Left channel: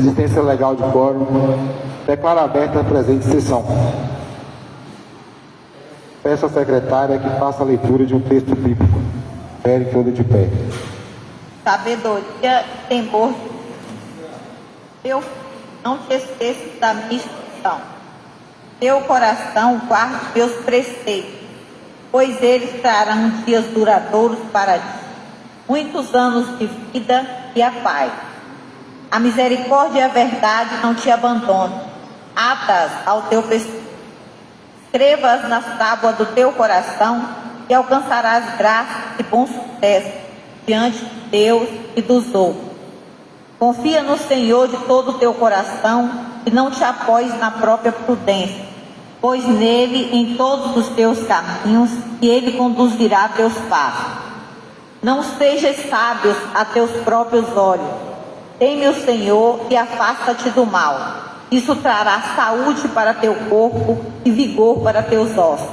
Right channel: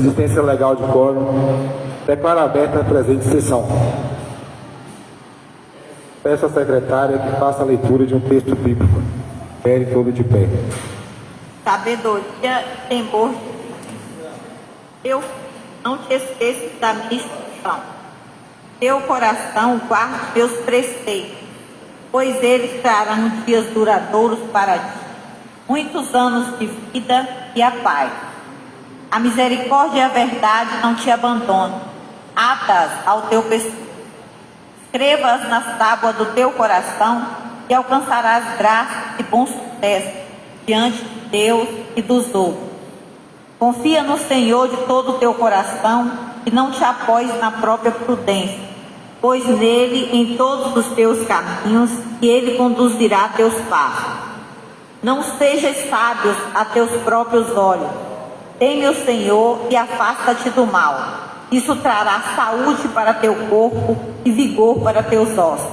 Existência legal de quórum. Declaro aberta a presente sessão. Peço à secretária que faça a leitura de um texto bíblico. Pere todo de pé. Sabedoria e temor. Teu não te esqueças da minha instrução. Teu coração guarde meus preceitos, pois eles trarão dias duradouros para ti, muitos anos de vida e a paz. A misericórdia e a verdade não te abandonam. Ata-as ao teu pescoço. Escreva-as nas tábuas do teu coração e alcançarás graça e bom sucesso diante de Deus e dos outros. Confia no Senhor de todo o teu coração e não te apoies na própria prudência, pois nele em todos os teus caminhos e ele conduzirá teus passos. Não sejas sábio a teus próprios olhos. Teme o Senhor e afasta-te do mal. Isso trará saúde para teu corpo e vigor para teus ossos.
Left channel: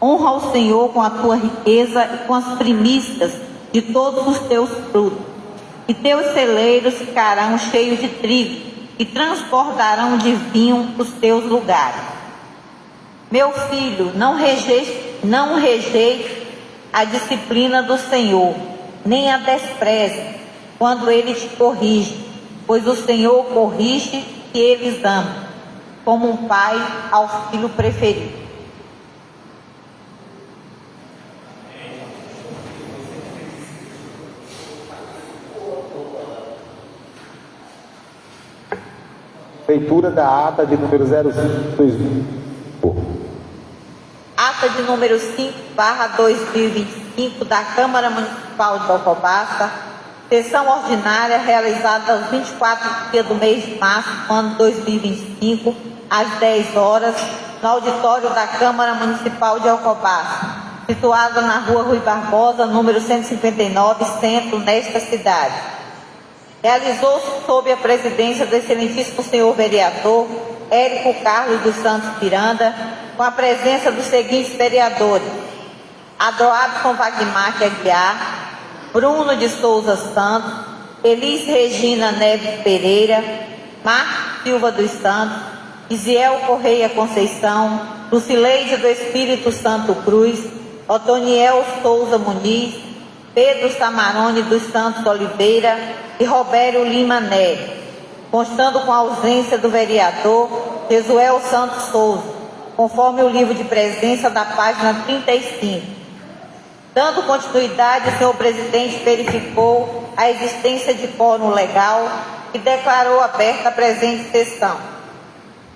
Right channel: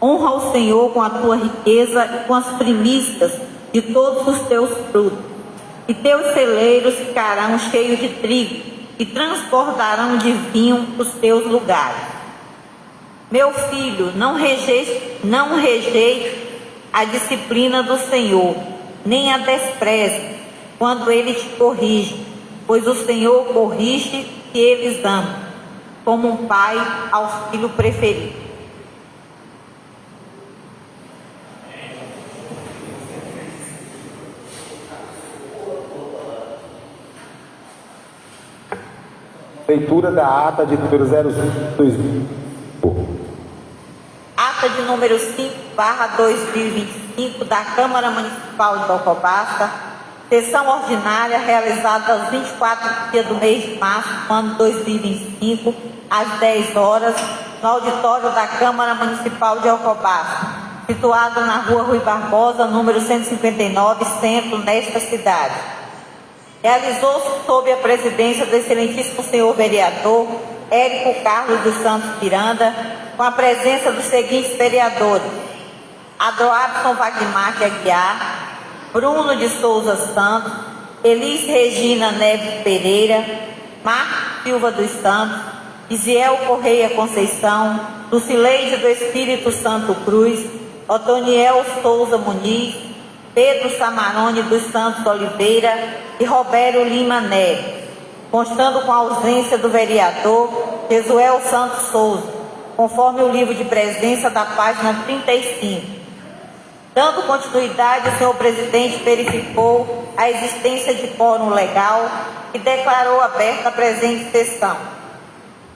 Honra o Senhor com a tua riqueza e com as primícias de todos os teus frutos. E teus celeiros ficarão cheios de trigo e transbordarão de vinho os teus lugares. Meu filho, não rejeite a disciplina do Senhor, nem a despreze quando ele te corrige, pois o Senhor corrige que eles amam, como um pai ao filho preferido. Leitura da ata de número 05/2000. Ata de número 5/2025 da Câmara Municipal de Alcobaça, sessão ordinária realizada aos 24 dias do mês de março do ano 2025, às 10 horas, no auditório da Câmara Municipal de Alcobaça, situado na rua Rui Barbosa, número 159, centro, nesta cidade. Realizou-se sob a presidência do excelentíssimo senhor vereador Érico Carlos dos Santos Miranda, com a presença dos seguintes vereadores: Adroabson Wagmar Aguiar, Bruno de Souza Santos, Elis Regina Neves Pereira, Marcos Silva dos Santos, Isiel Correia Conceição, Lucileide do Espírito Santo Cruz, Otoniel Souza Muniz, Pedro Samarone dos Santos Oliveira e Robério Lima Neves, constando com a ausência do vereador Jesuel Santos Souza, conforme o livro de presença da página 35. Dando continuidade, o senhor presidente verificou a existência de quórum legal e declarou aberta a presente sessão.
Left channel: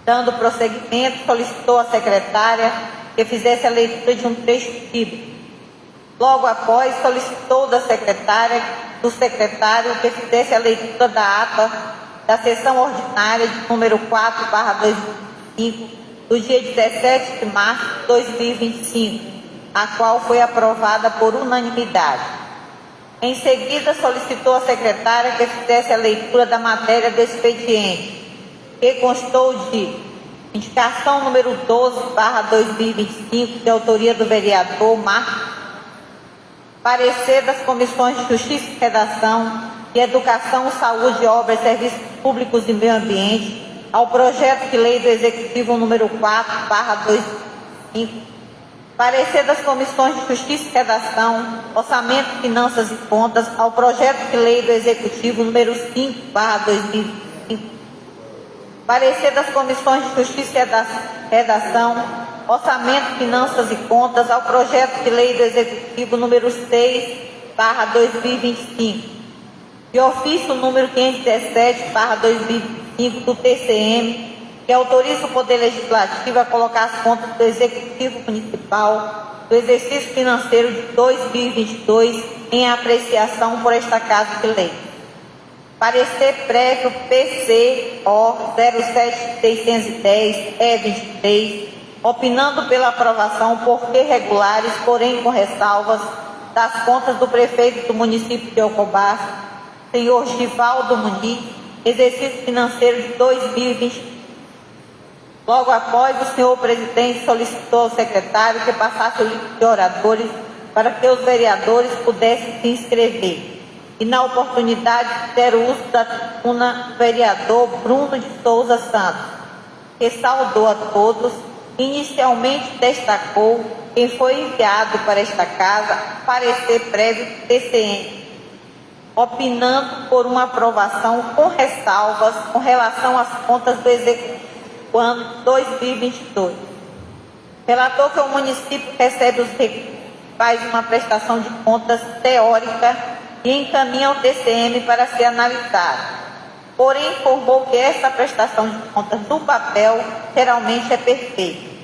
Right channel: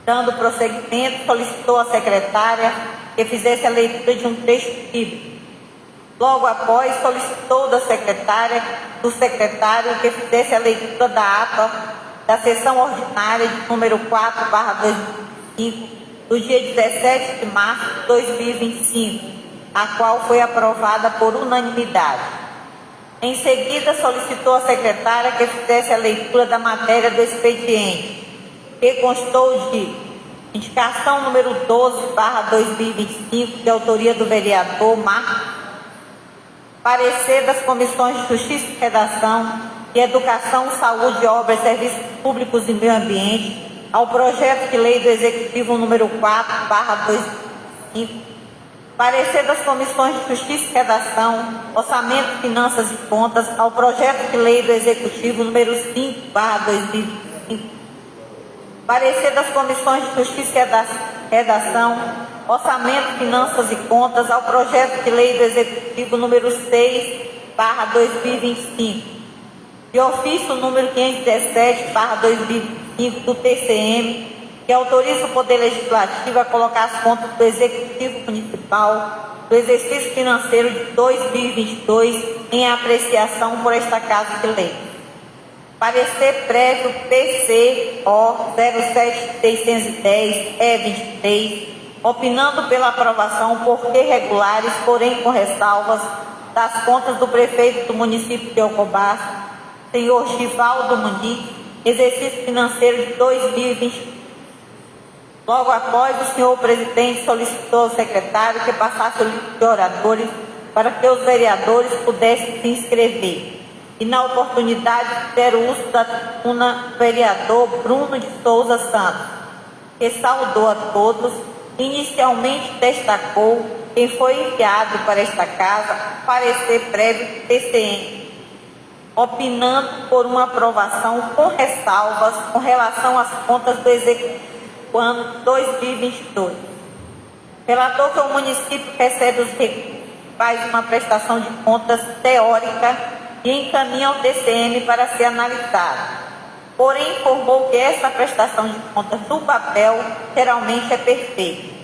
Dando prosseguimento, solicitou à secretária que fizesse a leitura de um trecho bíblico. Logo após, solicitou do secretário que fizesse a leitura da ata da sessão ordinária de número 4/2025, do dia 17 de março de 2025, a qual foi aprovada por unanimidade. Em seguida, solicitou à secretária que fizesse a leitura da matéria do expediente, que constou de indicação número 12/2025, de autoria do vereador Marcos, parecer das comissões de Justiça e Redação, de Educação, Saúde, Obras, Serviços Públicos e Meio Ambiente, ao projeto de lei do Executivo número 4/2025, parecer das comissões de Justiça e Redação, Orçamento, Finanças e Contas, ao projeto de lei do Executivo número 5/2025, parecer das comissões de Justiça e Redação, Orçamento, Finanças e Contas, ao projeto de lei do Executivo número 6/2025, de ofício número 517/2025 do TCM, que autoriza o Poder Legislativo a colocar as contas do Executivo Municipal do exercício financeiro de 2022 em apreciação por esta Casa de Lei. Parecer prévio PCO 07610-E23, opinando pela aprovação por regulares, porém com ressalvas, das contas do prefeito do município de Alcobaça, senhor Givaldo Muniz, exercício financeiro de 2020. Logo após, o senhor presidente solicitou ao secretário que passasse o livro de oradores para que os vereadores pudessem se inscrever. e na oportunidade fizeram uso da tribuna do vereador Bruno de Souza Santos, que saudou a todos. Inicialmente destacou quem foi enviado para esta casa parecer prévio do TCM, opinando por uma aprovação com ressalvas com relação às contas do Executivo do ano 2022. Relatou que o município recebe os recursos, faz uma prestação de contas teórica e encaminha ao TCM para ser analisado. Porém, informou que essa prestação de contas no papel geralmente é perfeita.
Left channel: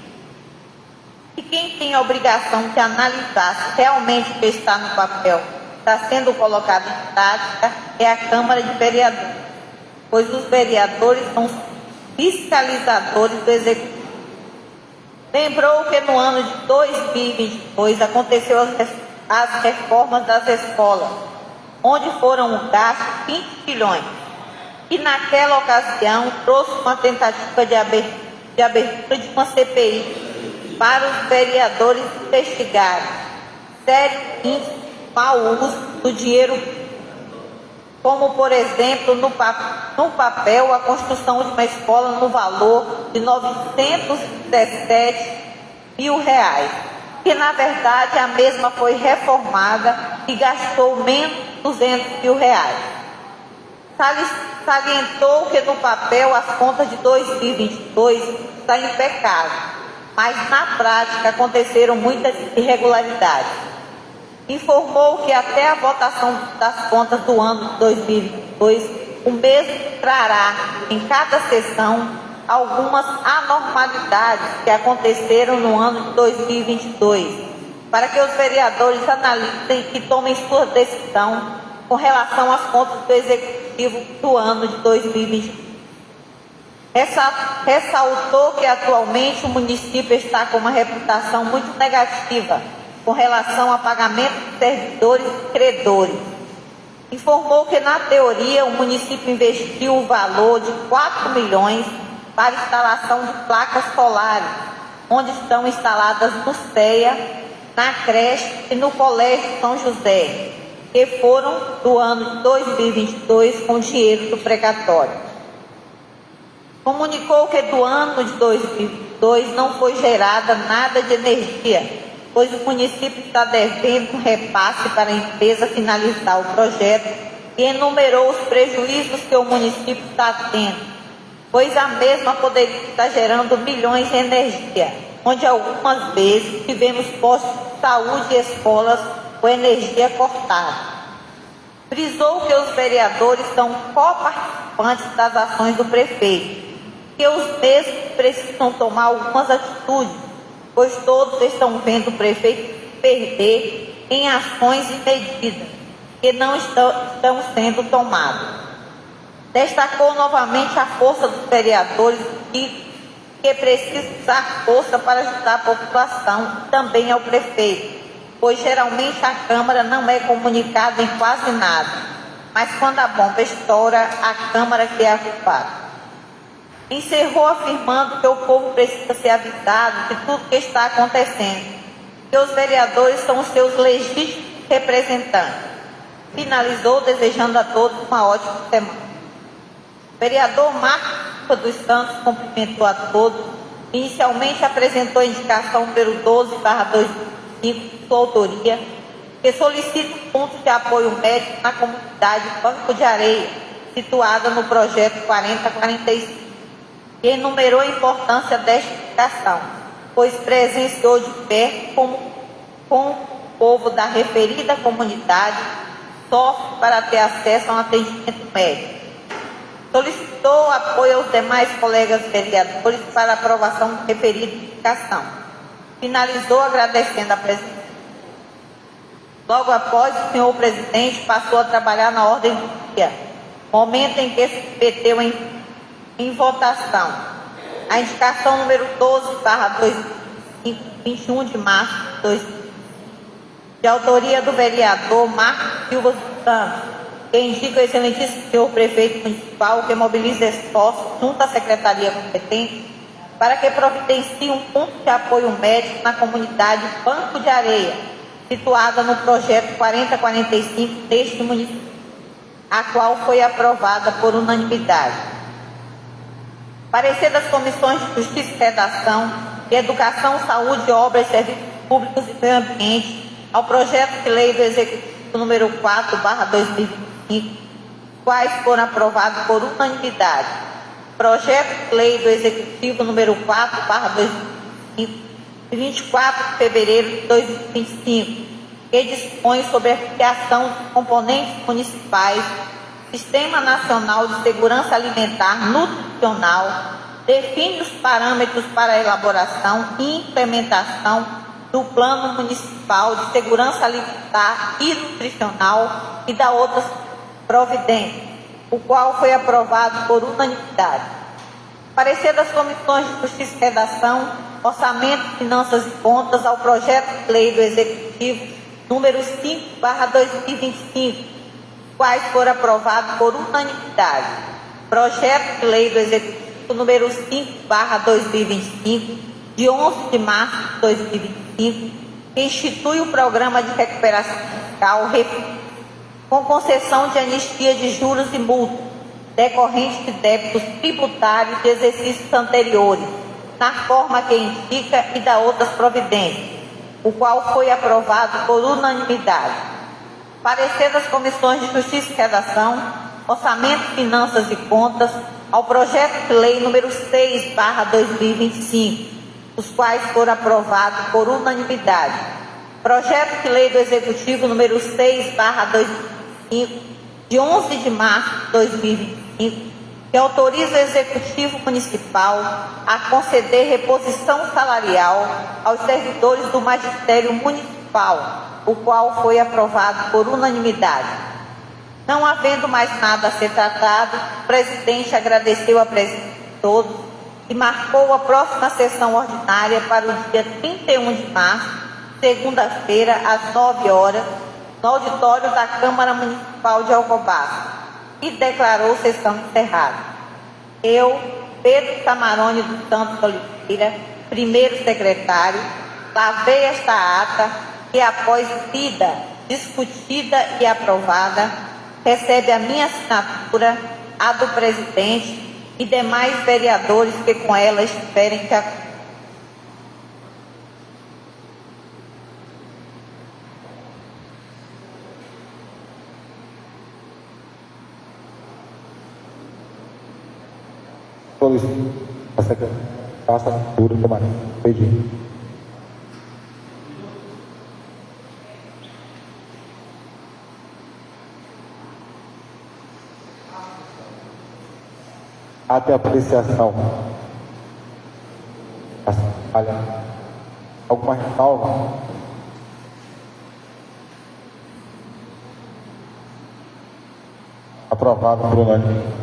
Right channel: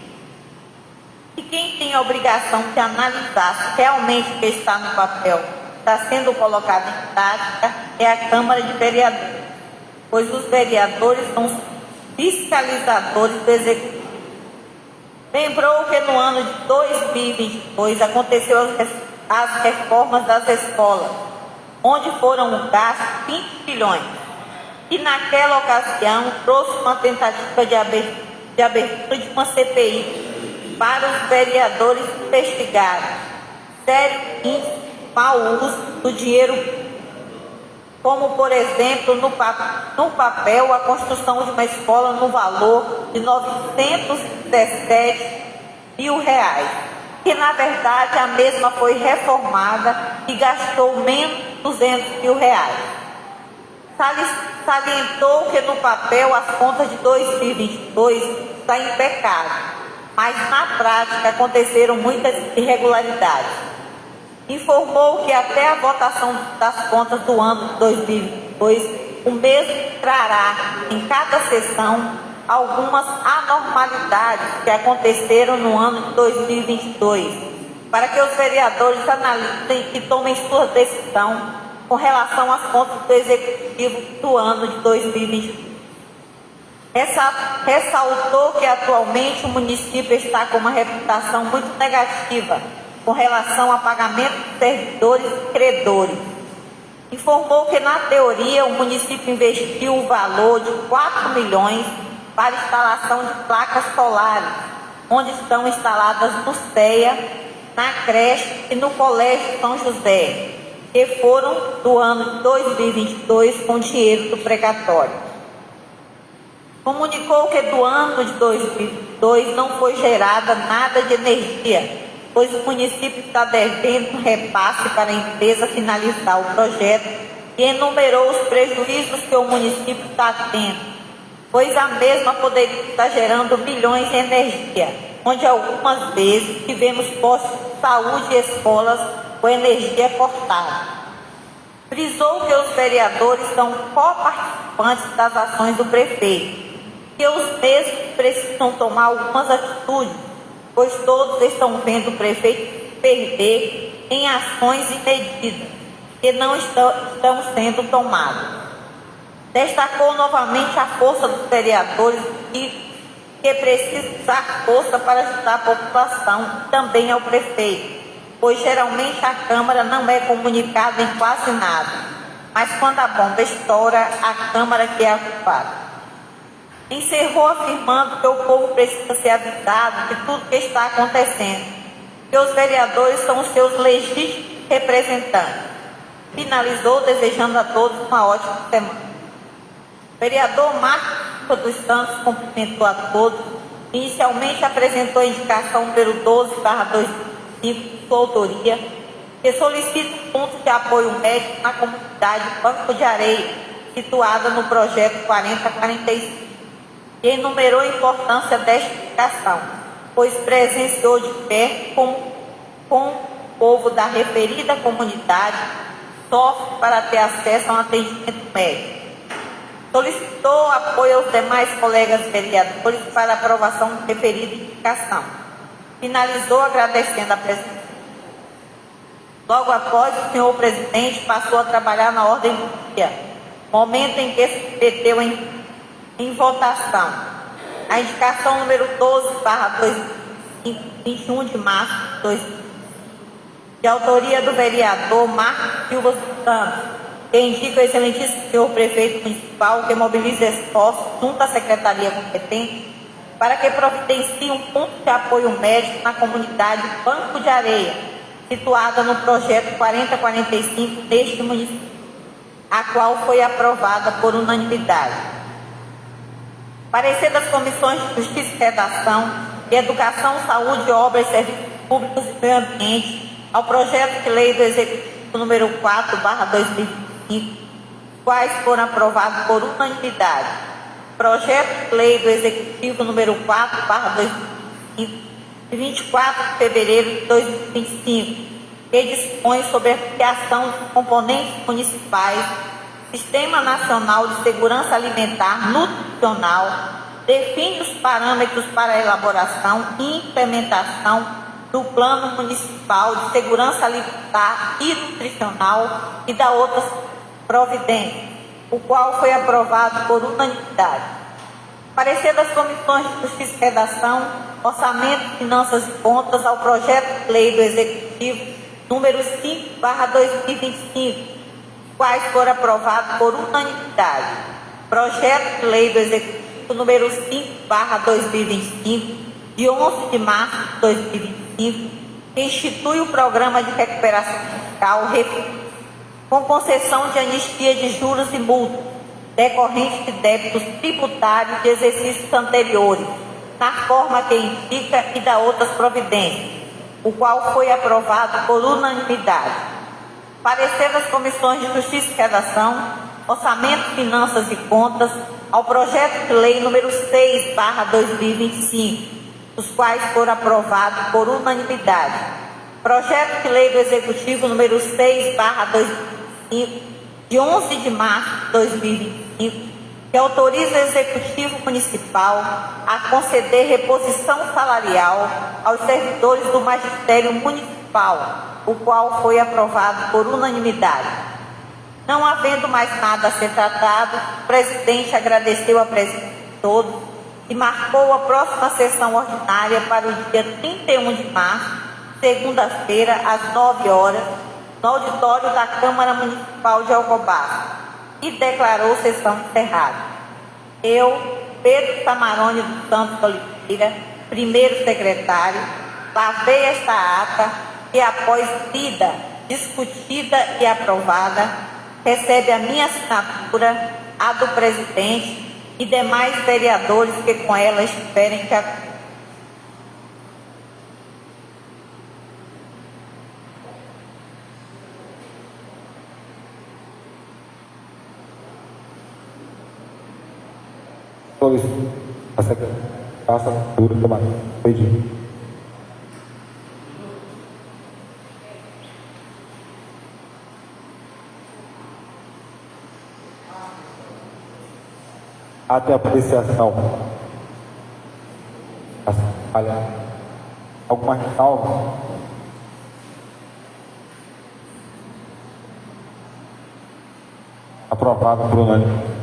E quem tem a obrigação de analisar se realmente o que está no papel está sendo colocado em prática é a Câmara de Vereadores, pois os vereadores são os fiscalizadores do Executivo. Lembrou que no ano de 2022 aconteceu as reformas das escolas, onde foram gastos 20 bilhões. E naquela ocasião trouxe uma tentativa de abertura de uma CPI para os vereadores investigarem sério índice de mau uso do dinheiro público, como, por exemplo, no papel, a construção de uma escola no valor de R$ 917 mil, que na verdade a mesma foi reformada e gastou menos de R$ 200 mil. Salientou que no papel as contas de 2022 estão impecáveis, mas na prática aconteceram muitas irregularidades. Informou que até a votação das contas do ano de 2022, o mesmo trará em cada sessão algumas anormalidades que aconteceram no ano de 2022, para que os vereadores analisem e tomem sua decisão com relação às contas do Executivo do ano de 2022. Ressaltou que atualmente o município está com uma reputação muito negativa com relação ao pagamento de servidores e credores. Informou que, na teoria, o município investiu o valor de 4 milhões para instalação de placas solares, onde estão instaladas no CEA, na creche e no Colégio São José, que foram do ano de 2022 com dinheiro do precatório. Comunicou que do ano de 2022 não foi gerada nada de energia, pois o município está devendo um repasse para a empresa finalizar o projeto e enumerou os prejuízos que o município está tendo, pois a mesma poderia estar gerando milhões em energia, onde algumas vezes tivemos postos de saúde e escolas com energia cortada. Frisou que os vereadores são coparticipantes das ações do prefeito, que os mesmos precisam tomar algumas atitudes, pois todos estão vendo o prefeito perder em ações e medidas que não estão sendo tomadas. Destacou novamente a força dos vereadores que precisa usar força para ajudar a população e também ao prefeito, pois geralmente a Câmara não é comunicada em quase nada, mas quando a bomba estoura, a Câmara que é a culpada. Encerrou afirmando que o povo precisa ser avisado de tudo que está acontecendo, que os vereadores são os seus legítimos representantes. Finalizou desejando a todos uma ótima semana. O vereador Marcos dos Santos cumprimentou a todos. Inicialmente apresentou a indicação número 12/2005, sua autoria, que solicita pontos de apoio médico na comunidade Banco de Areia, situada no projeto 4045. E enumerou a importância desta indicação, pois presenciou de perto com o povo da referida comunidade sofre para ter acesso a um atendimento médico. Solicitou apoio aos demais colegas vereadores para aprovação da referida indicação. Finalizou agradecendo a presença. Logo após, o senhor presidente passou a trabalhar na ordem do dia, momento em que se submeteu em votação a indicação número 12/2005, 21 de março de 2005, de autoria do vereador Marcos Silva Santos, que indica o excelentíssimo senhor prefeito municipal que mobiliza esforços junto à secretaria competente para que providencie um ponto de apoio médico na comunidade Banco de Areia, situada no projeto 4045 deste município. a qual foi aprovada por unanimidade. Parecer das Comissões de Justiça e Redação, de Educação, Saúde, Obras, Serviços Públicos e Meio Ambiente ao projeto de lei do Executivo número 4/2025, quais foram aprovados por unanimidade. Projeto de lei do Executivo número 4/2025, de 24 de fevereiro de 2025, que dispõe sobre a criação dos componentes municipais do Sistema Nacional de Segurança Alimentar Nutricional, define os parâmetros para a elaboração e implementação do Plano Municipal de Segurança Alimentar e Nutricional e da outras providências, o qual foi aprovado por unanimidade. Parecer das Comissões de Justiça e Redação, Orçamento, Finanças e Contas ao projeto de lei do Executivo número 5/2025, quais foram aprovados por unanimidade. Projeto de lei do Executivo número 5/2025, de 11 de março de 2025, que institui o Programa de Recuperação Fiscal com concessão de anistia de juros e multas decorrentes de débitos tributários de exercícios anteriores, na forma que indica e da outras providências, o qual foi aprovado por unanimidade. Parecer das Comissões de Justiça e Redação, Orçamento, Finanças e Contas ao projeto de lei número 6/2025, os quais foram aprovados por unanimidade. Projeto de lei do Executivo número 6/2025, de 11 de março de 2025, que autoriza o Executivo Municipal a conceder reposição salarial aos servidores do Magistério Municipal, o qual foi aprovado por unanimidade. Não havendo mais nada a ser tratado, o presidente agradeceu a presença de todos e marcou a próxima sessão ordinária para o dia 31 de março, segunda-feira, às 9 horas, no auditório da Câmara Municipal de Alcobaça, e declarou sessão encerrada. Eu, Pedro Tamarone dos Santos Oliveira, primeiro secretário, lavei esta ata que, após lida, discutida e aprovada, recebe a minha assinatura, a do presidente e demais vereadores que com ela estiverem de acordo. Solicito a secretária a assinatura tomar pedido. Até apreciação. Alguma ressalva? Aprovado por unanimidade.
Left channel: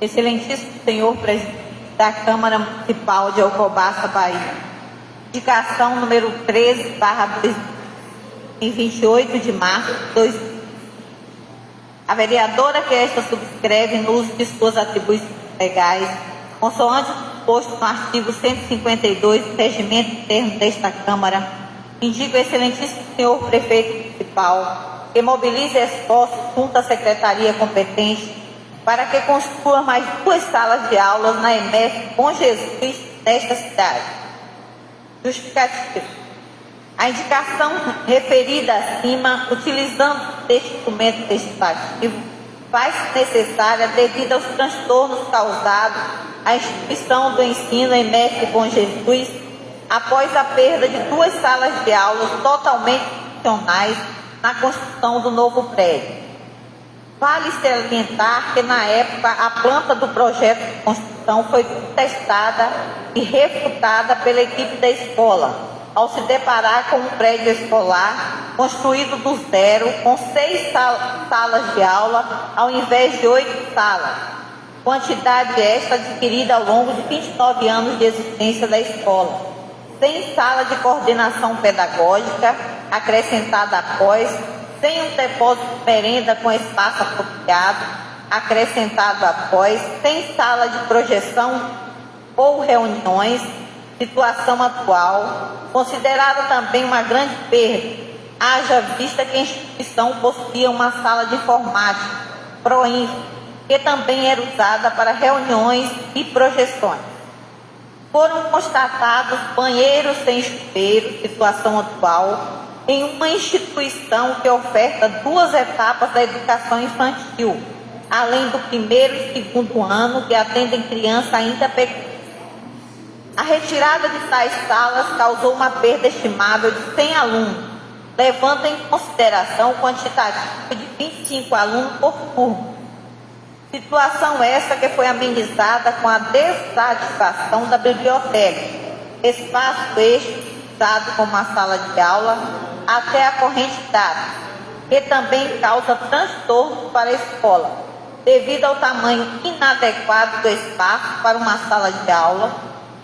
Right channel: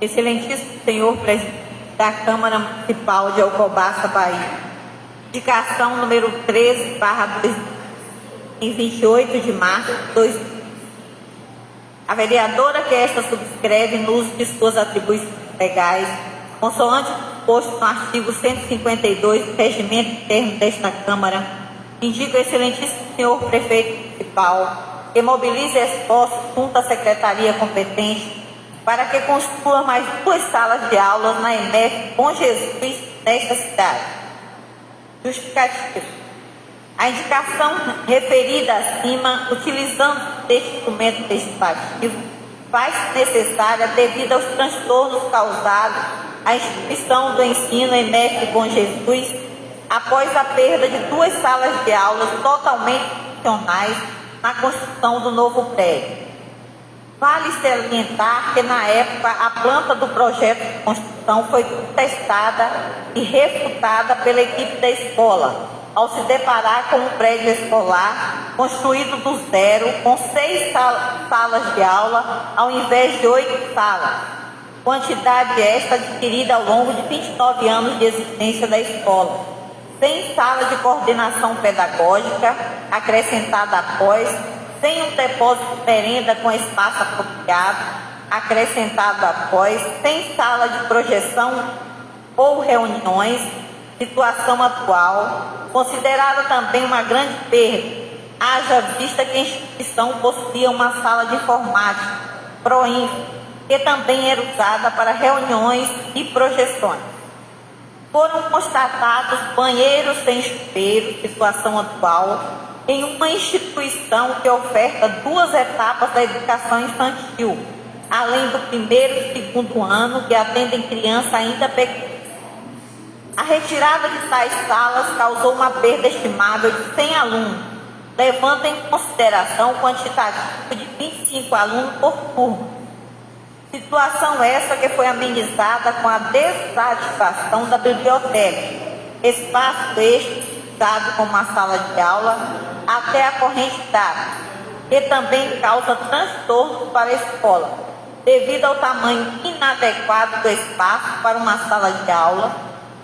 Excelentíssimo senhor presidente da Câmara Municipal de Alcobaça, Bahia. Indicação número 13/28 de março de 2020. A vereadora que esta subscreve no uso de suas atribuições legais, consoante o disposto no artigo 152 do Regimento Interno desta Câmara, indica o excelentíssimo senhor prefeito municipal que mobilize esforços junto à secretaria competente para que construa mais 2 salas de aulas na EMEF Bom Jesus desta cidade. Justificativa. A indicação referida acima, utilizando este documento legislativo, faz-se necessária devido aos transtornos causados à instituição do ensino EMEF Bom Jesus após a perda de 2 salas de aulas totalmente funcionais na construção do novo prédio. Vale salientar que, na época, a planta do projeto de construção foi contestada e refutada pela equipe da escola, ao se deparar com um prédio escolar construído do zero, com 6 salas de aula, ao invés de 8 salas, quantidade esta adquirida ao longo de 29 anos de existência da escola, sem sala de coordenação pedagógica, acrescentada após, sem um depósito de merenda com espaço apropriado, acrescentado após, sem sala de projeção ou reuniões, situação atual, considerada também uma grande perda, haja vista que a instituição possuía uma sala de informática, Proinfo, que também era usada para reuniões e projeções. Foram constatados banheiros sem chuveiro, situação atual, em uma instituição que oferta 2 etapas da educação infantil, além do primeiro e segundo ano, que atendem criança ainda pequena. A retirada de tais salas causou uma perda estimável de 100 alunos, levando em consideração o quantitativo de 25 alunos por turno. Situação essa que foi amenizada com a desativação da biblioteca, espaço este usado como uma sala de aula até a corrente d'água, que também causa transtorno para a escola, devido ao tamanho inadequado do espaço para uma sala de aula,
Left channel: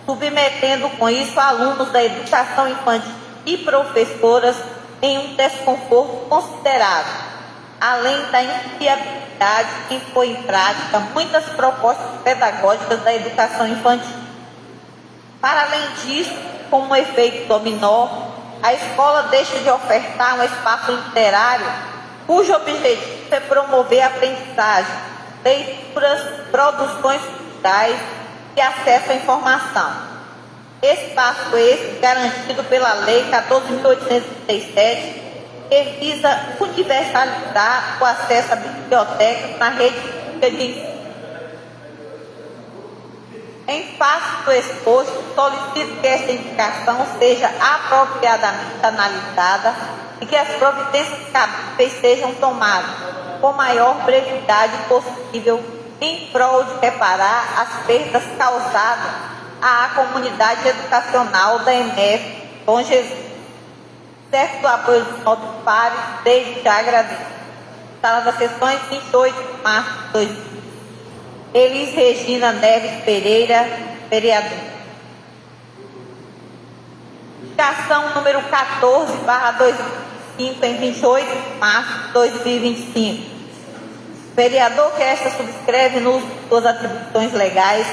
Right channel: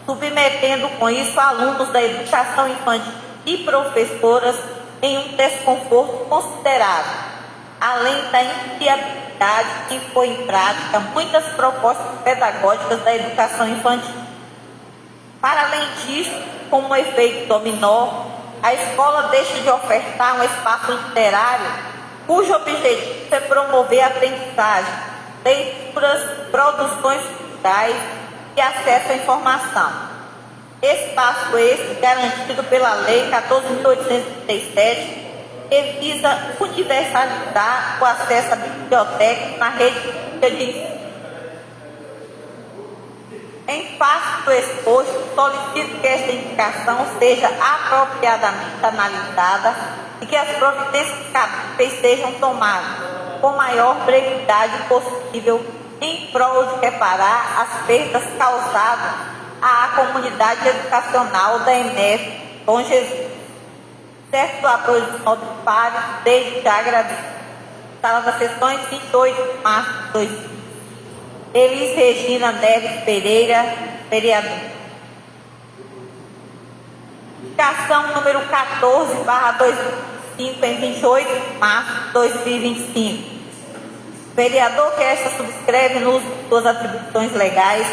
submetendo com isso alunos da educação infantil e professoras em um desconforto considerável, além da inviabilidade em pôr em prática muitas propostas pedagógicas da educação infantil. Para além disso, como efeito dominó, a escola deixa de ofertar um espaço literário cujo objetivo é promover a aprendizagem, leituras, produções culturais e acesso à informação. Espaço esse garantido pela Lei 14.837, que visa universalizar o acesso à biblioteca na rede pública de ensino. Em face do exposto, solicito que esta indicação seja apropriadamente analisada e que as providências cabíveis sejam tomadas com maior brevidade possível em prol de reparar as perdas causadas à comunidade educacional da ENEF Bom Jesus. Certo do apoio dos nossos pares, desde já agradeço. Sala das sessões, 28 de março de 2020. Elis Regina Neves Pereira, vereador. Indicação número 14/2005, em 28 de março de 2025. Vereador que esta subscreve no uso de suas atribuições legais,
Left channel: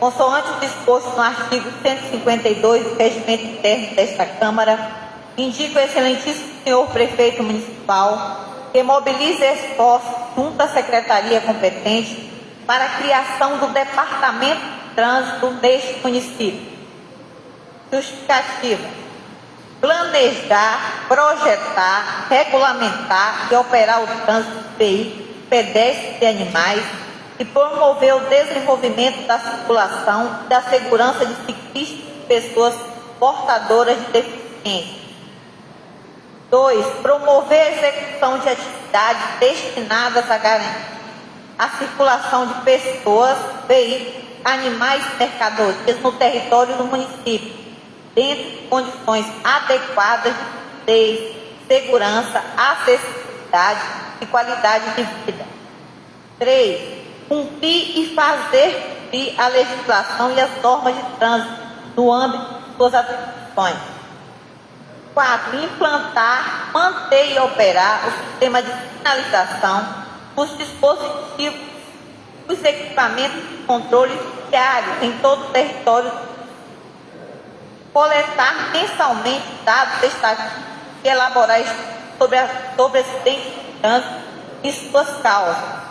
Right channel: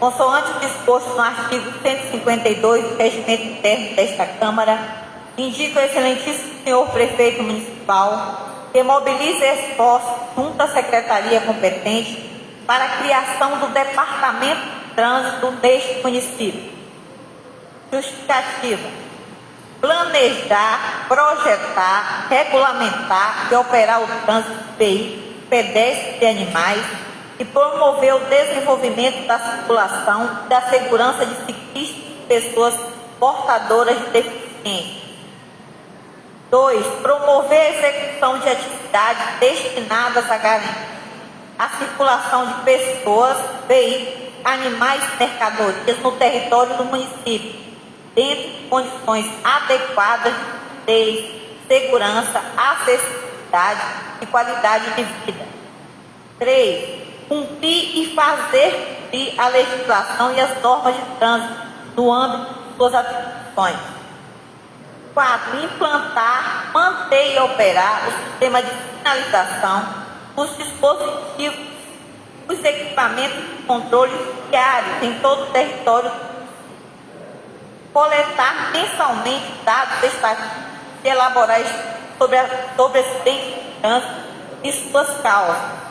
consoante o disposto no artigo 152 do Regimento Interno desta Câmara, indica o excelentíssimo senhor prefeito municipal que mobilize esforços junto à secretaria competente para a criação do Departamento de Trânsito neste município. Justificativa: planejar, projetar, regulamentar e operar o trânsito de veículos, pedestres e animais e promover o desenvolvimento da circulação e da segurança de ciclistas e pessoas portadoras de deficiência. 2. Promover a execução de atividades destinadas a garantir a circulação de pessoas, veículos, animais e mercadorias no território do município, dentro de condições adequadas de segurança, acessibilidade e qualidade de vida. 3. Cumprir e fazer cumprir a legislação e as normas de trânsito no âmbito de suas atribuições. 4. Implantar, manter e operar o sistema de sinalização, os dispositivos, os equipamentos de controle diários em todo o território. Coletar mensalmente dados estatísticos e elaborar sobre acidentes de trânsito e suas causas.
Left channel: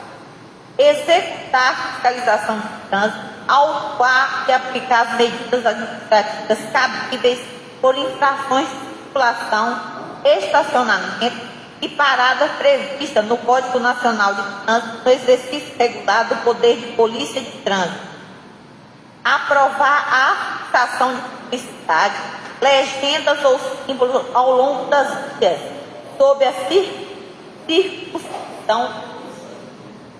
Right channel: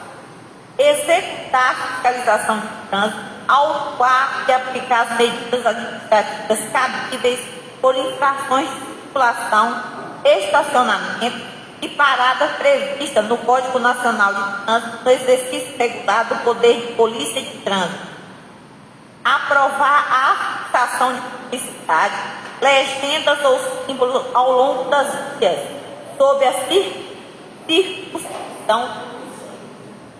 Executar a fiscalização de trânsito, autuar e aplicar as medidas administrativas cabíveis por infrações de circulação, estacionamento e parada prevista no Código Nacional de Trânsito no exercício regular do poder de polícia de trânsito. Aprovar a fixação de publicidade, legendas ou símbolos ao longo das vias, sob a circunscrição,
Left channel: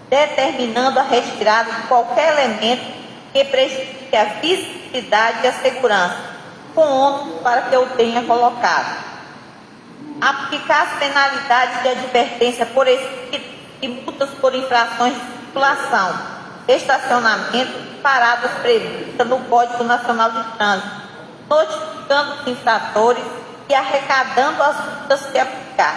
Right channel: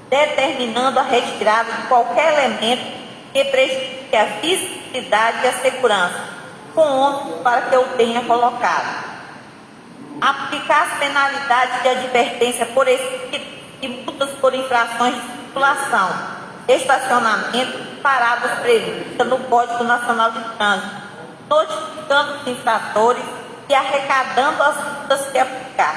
determinando a retirada de qualquer elemento que prejudique a visibilidade e a segurança, com ônus para que eu tenha colocado. Aplicar as penalidades de advertência por escrito e multas por infrações de circulação, estacionamento e paradas previstas no Código Nacional de Trânsito, notificando os infratores e arrecadando as multas que aplicar.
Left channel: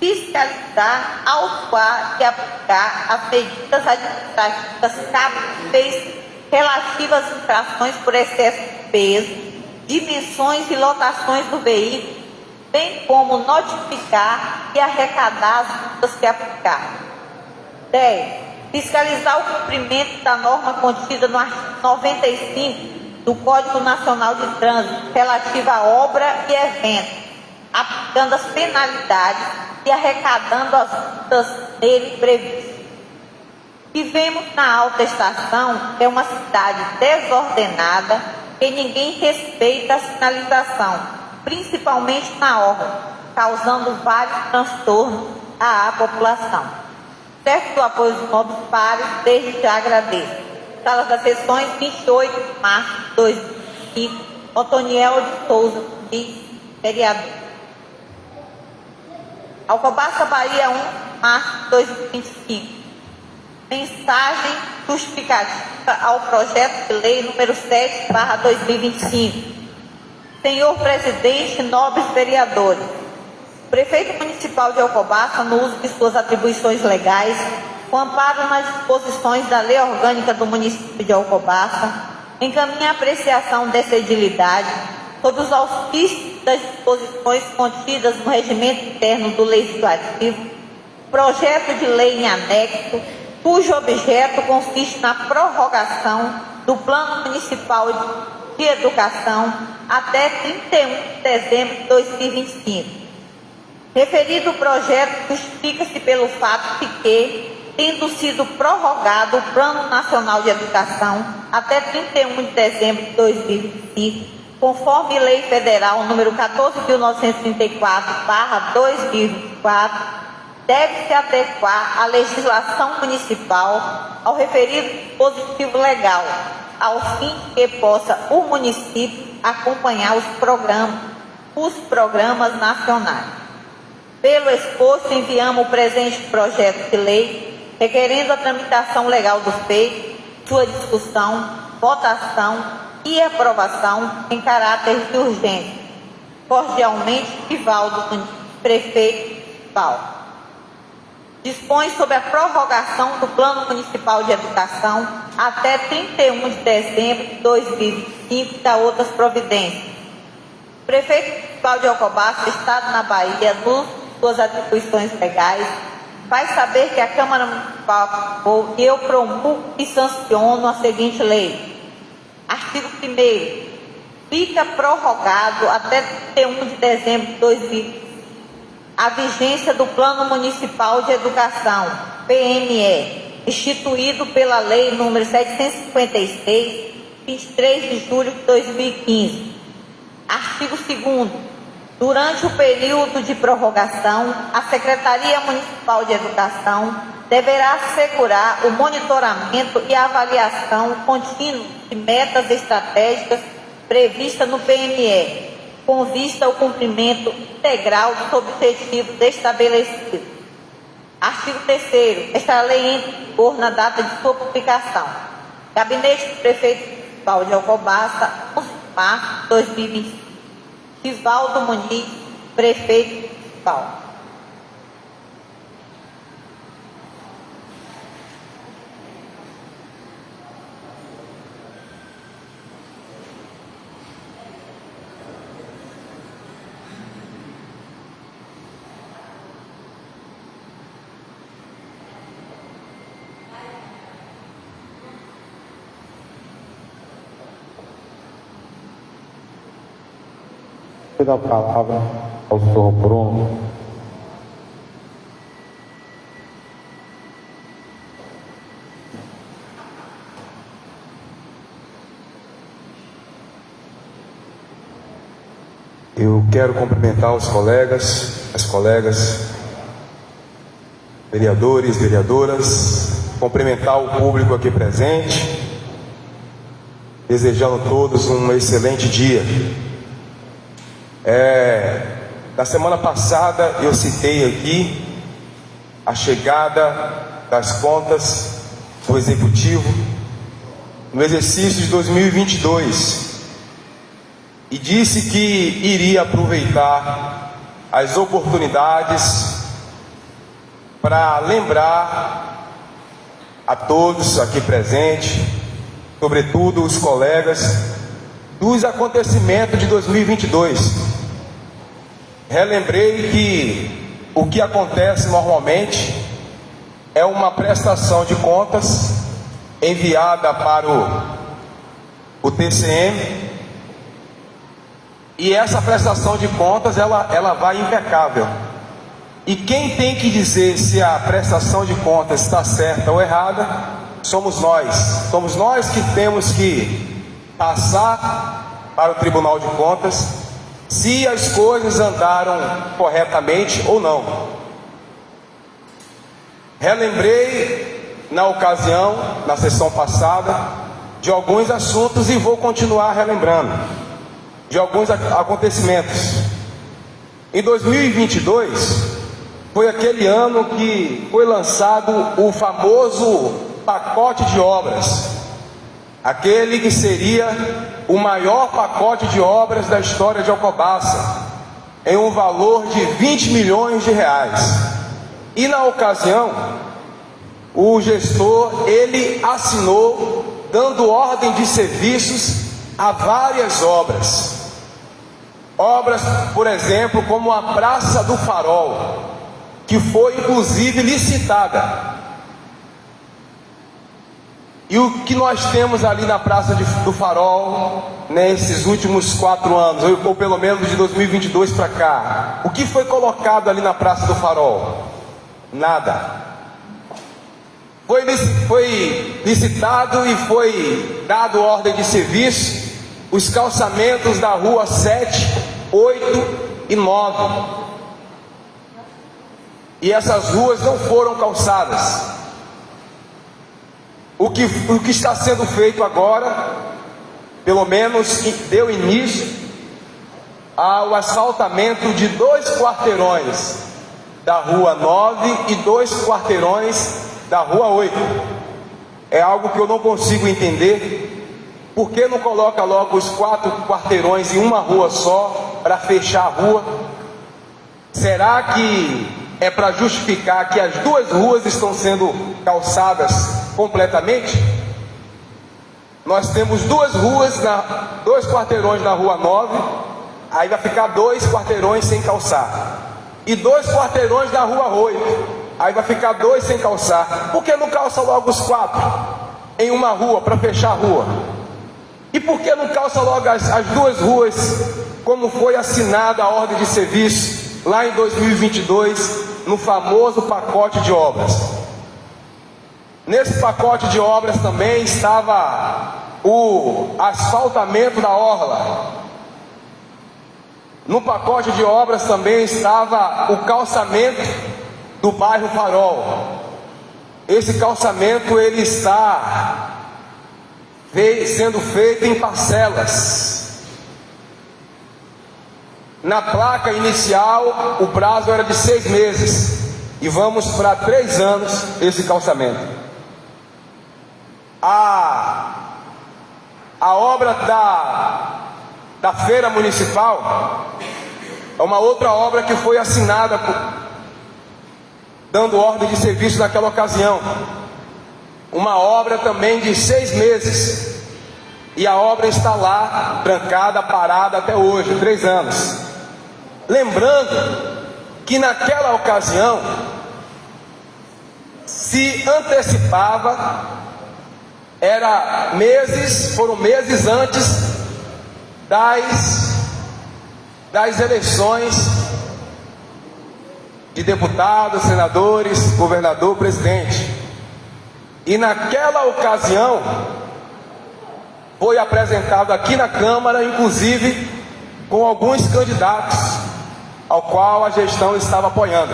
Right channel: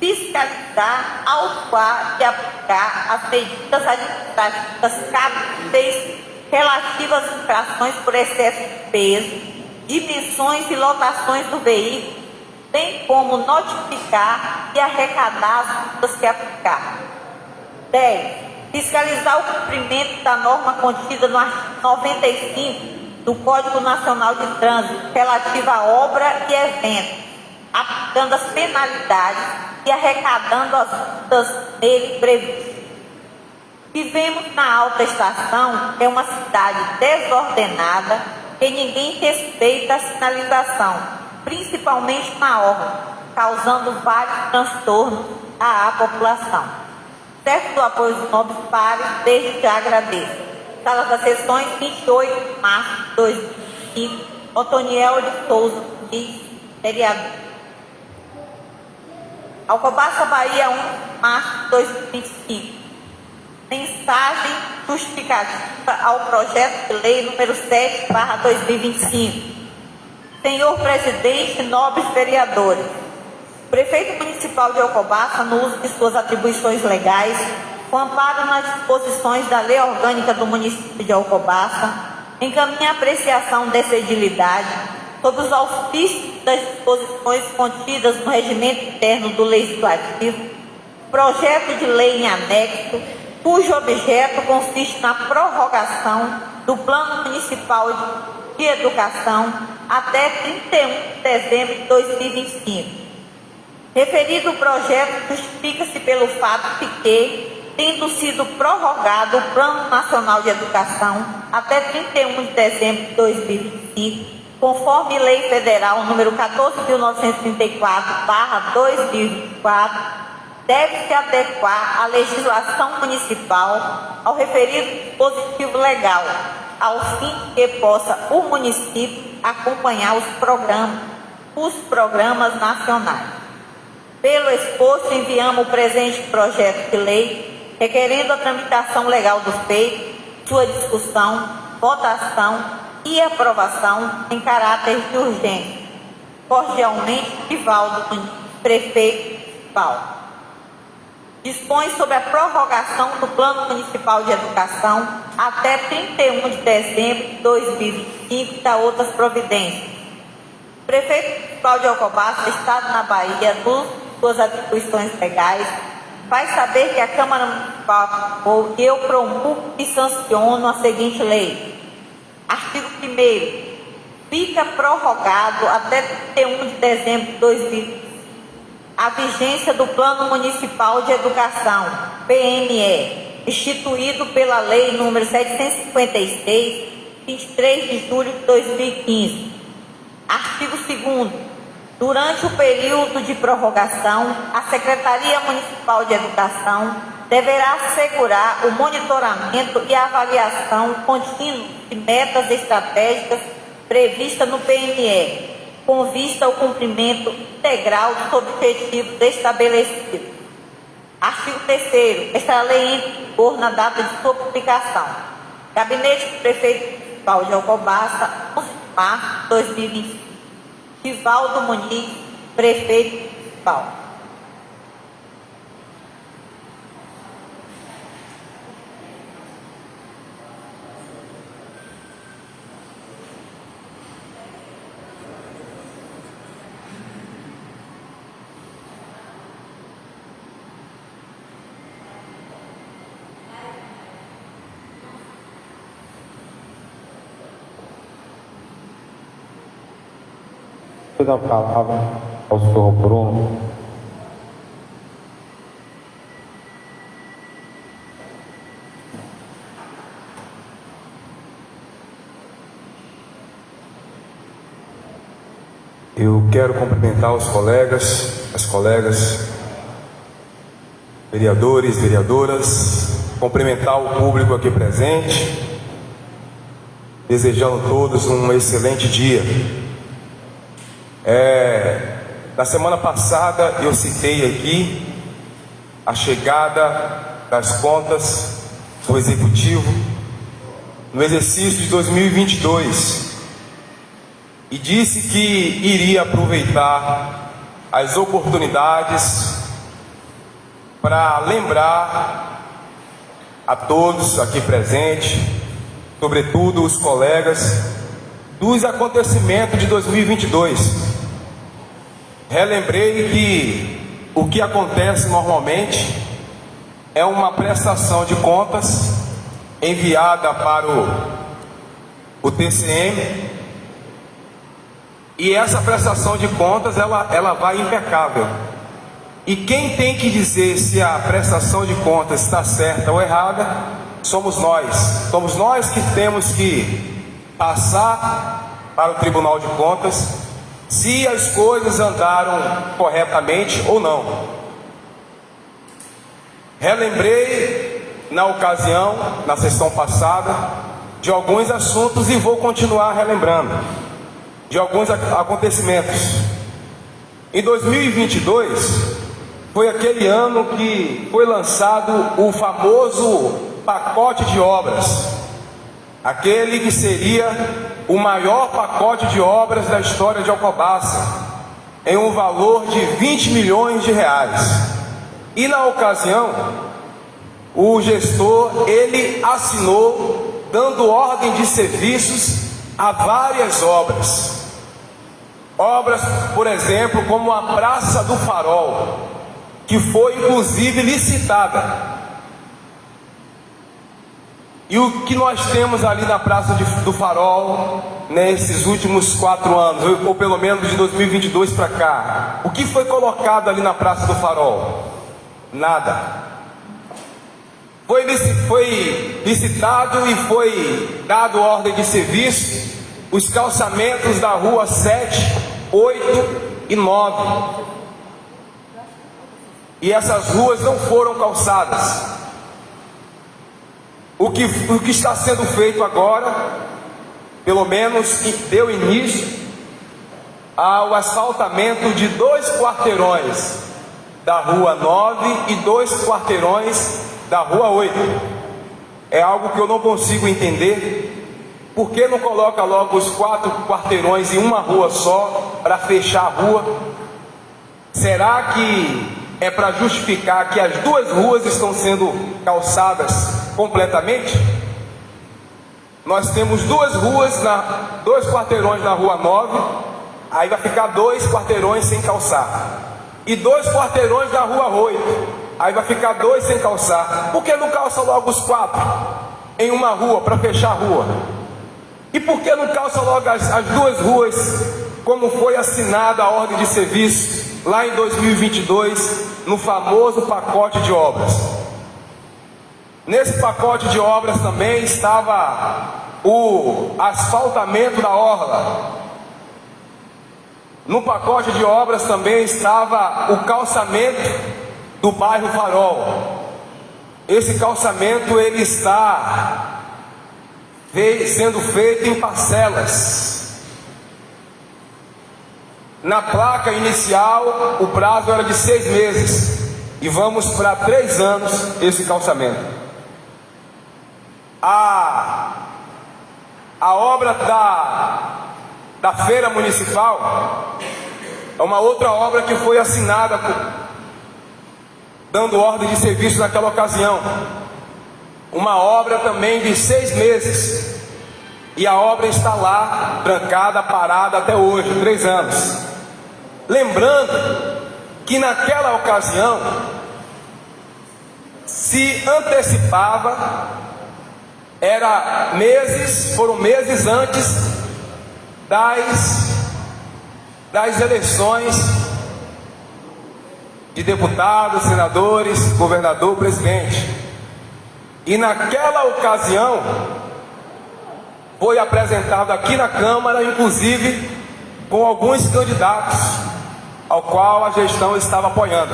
Fiscalizar, autuar e aplicar as medidas administrativas cabíveis relativas às infrações por excesso de peso, dimensões e lotações do veículo, bem como notificar e arrecadar as multas que aplicar. 10. Fiscalizar o cumprimento da norma contida no artigo 95 do Código Nacional de Trânsito relativa à obra e eventos, aplicando as penalidades e arrecadando as multas nele previstas. Vivemos na Alta Estação, que é uma cidade desordenada, que ninguém respeita a sinalização, principalmente na orla, causando vários transtornos à população. Certo do apoio dos nobres pares, desde já agradeço. Sala das sessões, 28 de março de 2005, Otoniel de Souza, vereador. Alcobaça, Bahia, 1 de março de 2025. Mensagem justificativa ao projeto de lei número 7/2025. Senhor presidente, nobres vereadores, o prefeito municipal de Alcobaça, no uso de suas atribuições legais, com amparo nas disposições da Lei Orgânica do município de Alcobaça, encaminha a apreciação dessa edilidade sobre os auspícios das disposições contidas no regimento interno do Legislativo, projeto de lei em anexo, cujo objeto consiste na prorrogação do Plano Municipal de Educação até 31 de dezembro de 2025. Referido projeto justifica-se pelo fato de que, tendo sido prorrogado o Plano Nacional de Educação até 31 de dezembro de 2025, conforme Lei Federal número 14.934/2024, deve-se adequar a legislação municipal ao referido dispositivo legal, ao fim que possa o município acompanhar os programas nacionais. Pelo exposto, enviamos o presente projeto de lei, requerendo a tramitação legal do feito, sua discussão, votação e aprovação em caráter de urgência. Cordialmente, Divaldo Nunes, prefeito municipal. Dispõe sobre a prorrogação do Plano Municipal de Educação até 31 de dezembro de 2025 e da outras providências. O prefeito municipal de Alcobaça, Estado na Bahia, nos suas atribuições legais, faz saber que a Câmara Municipal que eu promulgo e sanciono a seguinte lei. Artigo 1º. Fica prorrogado até 31 de dezembro de 2025 a vigência do Plano Municipal de Educação, PME, instituído pela Lei nº 756, 23 de julho de 2015. Artigo 2º. Durante o período de prorrogação, a Secretaria Municipal de Educação deverá assegurar o monitoramento e a avaliação contínua de metas estratégicas previstas no PME, com vista ao cumprimento integral dos objetivos estabelecidos. Artigo 3º. Esta lei entra em vigor na data de sua publicação. Gabinete do Prefeito Municipal de Alcobaça, 11 de março de 2025. Divaldo Muniz, Prefeito Municipal. Vou dar a palavra ao senhor Bruno. Eu quero cumprimentar os colegas, as colegas, vereadores, vereadoras, cumprimentar o público aqui presente, desejando a todos um excelente dia. Na semana passada eu citei aqui a chegada das contas do Executivo no exercício de 2022 e disse que iria aproveitar as oportunidades para lembrar a todos aqui presentes, sobretudo os colegas, dos acontecimentos de 2022. relembrei que o que acontece normalmente é uma prestação de contas enviada para o TCM, e essa prestação de contas ela vai impecável. E quem tem que dizer se a prestação de contas está certa ou errada somos nós. Somos nós que temos que passar para o Tribunal de Contas se as coisas andaram corretamente ou não. Relembrei na ocasião, na sessão passada, de alguns assuntos e vou continuar relembrando de alguns acontecimentos. Em 2022 foi aquele ano que foi lançado o famoso pacote de obras, aquele que seria o maior pacote de obras da história de Alcobaça, em um valor de 20 milhões de reais. E na ocasião, o gestor, ele assinou, dando ordem de serviços a várias obras. Obras, por exemplo, como a Praça do Farol, que foi inclusive licitada. E o que nós temos ali na Praça do Farol, nesses últimos 4 anos, ou pelo menos de 2022 para cá? O que foi colocado ali na Praça do Farol? Nada. Foi licitado e foi dado ordem de serviço os calçamentos da rua 7, 8 e 9. E essas ruas não foram calçadas. O que está sendo feito agora, pelo menos deu início ao asfaltamento de 2 quarteirões da rua 9 e 2 quarteirões da rua 8. É algo que eu não consigo entender. Por que não coloca logo os 4 quarteirões em uma rua só, para fechar a rua? Será que é para justificar que as 2 ruas estão sendo calçadas completamente? Nós temos 2 ruas, 2 quarteirões na rua 9, aí vai ficar 2 quarteirões sem calçar. E 2 quarteirões na rua 8, aí vai ficar 2 sem calçar. Por que não calça logo os 4 em uma rua, para fechar a rua? E por que não calça logo as 2 ruas, como foi assinada a ordem de serviço lá em 2022, no famoso pacote de obras? Nesse pacote de obras também estava o asfaltamento da orla. No pacote de obras também estava o calçamento do bairro Farol. Esse calçamento ele está sendo feito em parcelas. Na placa inicial, o prazo era de 6 meses e vamos para 3 anos esse calçamento. A obra da feira municipal é uma outra obra que foi assinada, dando ordem de serviço naquela ocasião. Uma obra também de 6 meses. E a obra está lá, trancada, parada até hoje, 3 anos. Lembrando que naquela ocasião se antecipava, foram meses antes das eleições de deputados, senadores, governador, presidente. E naquela ocasião foi apresentado aqui na Câmara, inclusive com alguns candidatos, ao qual a gestão estava apoiando.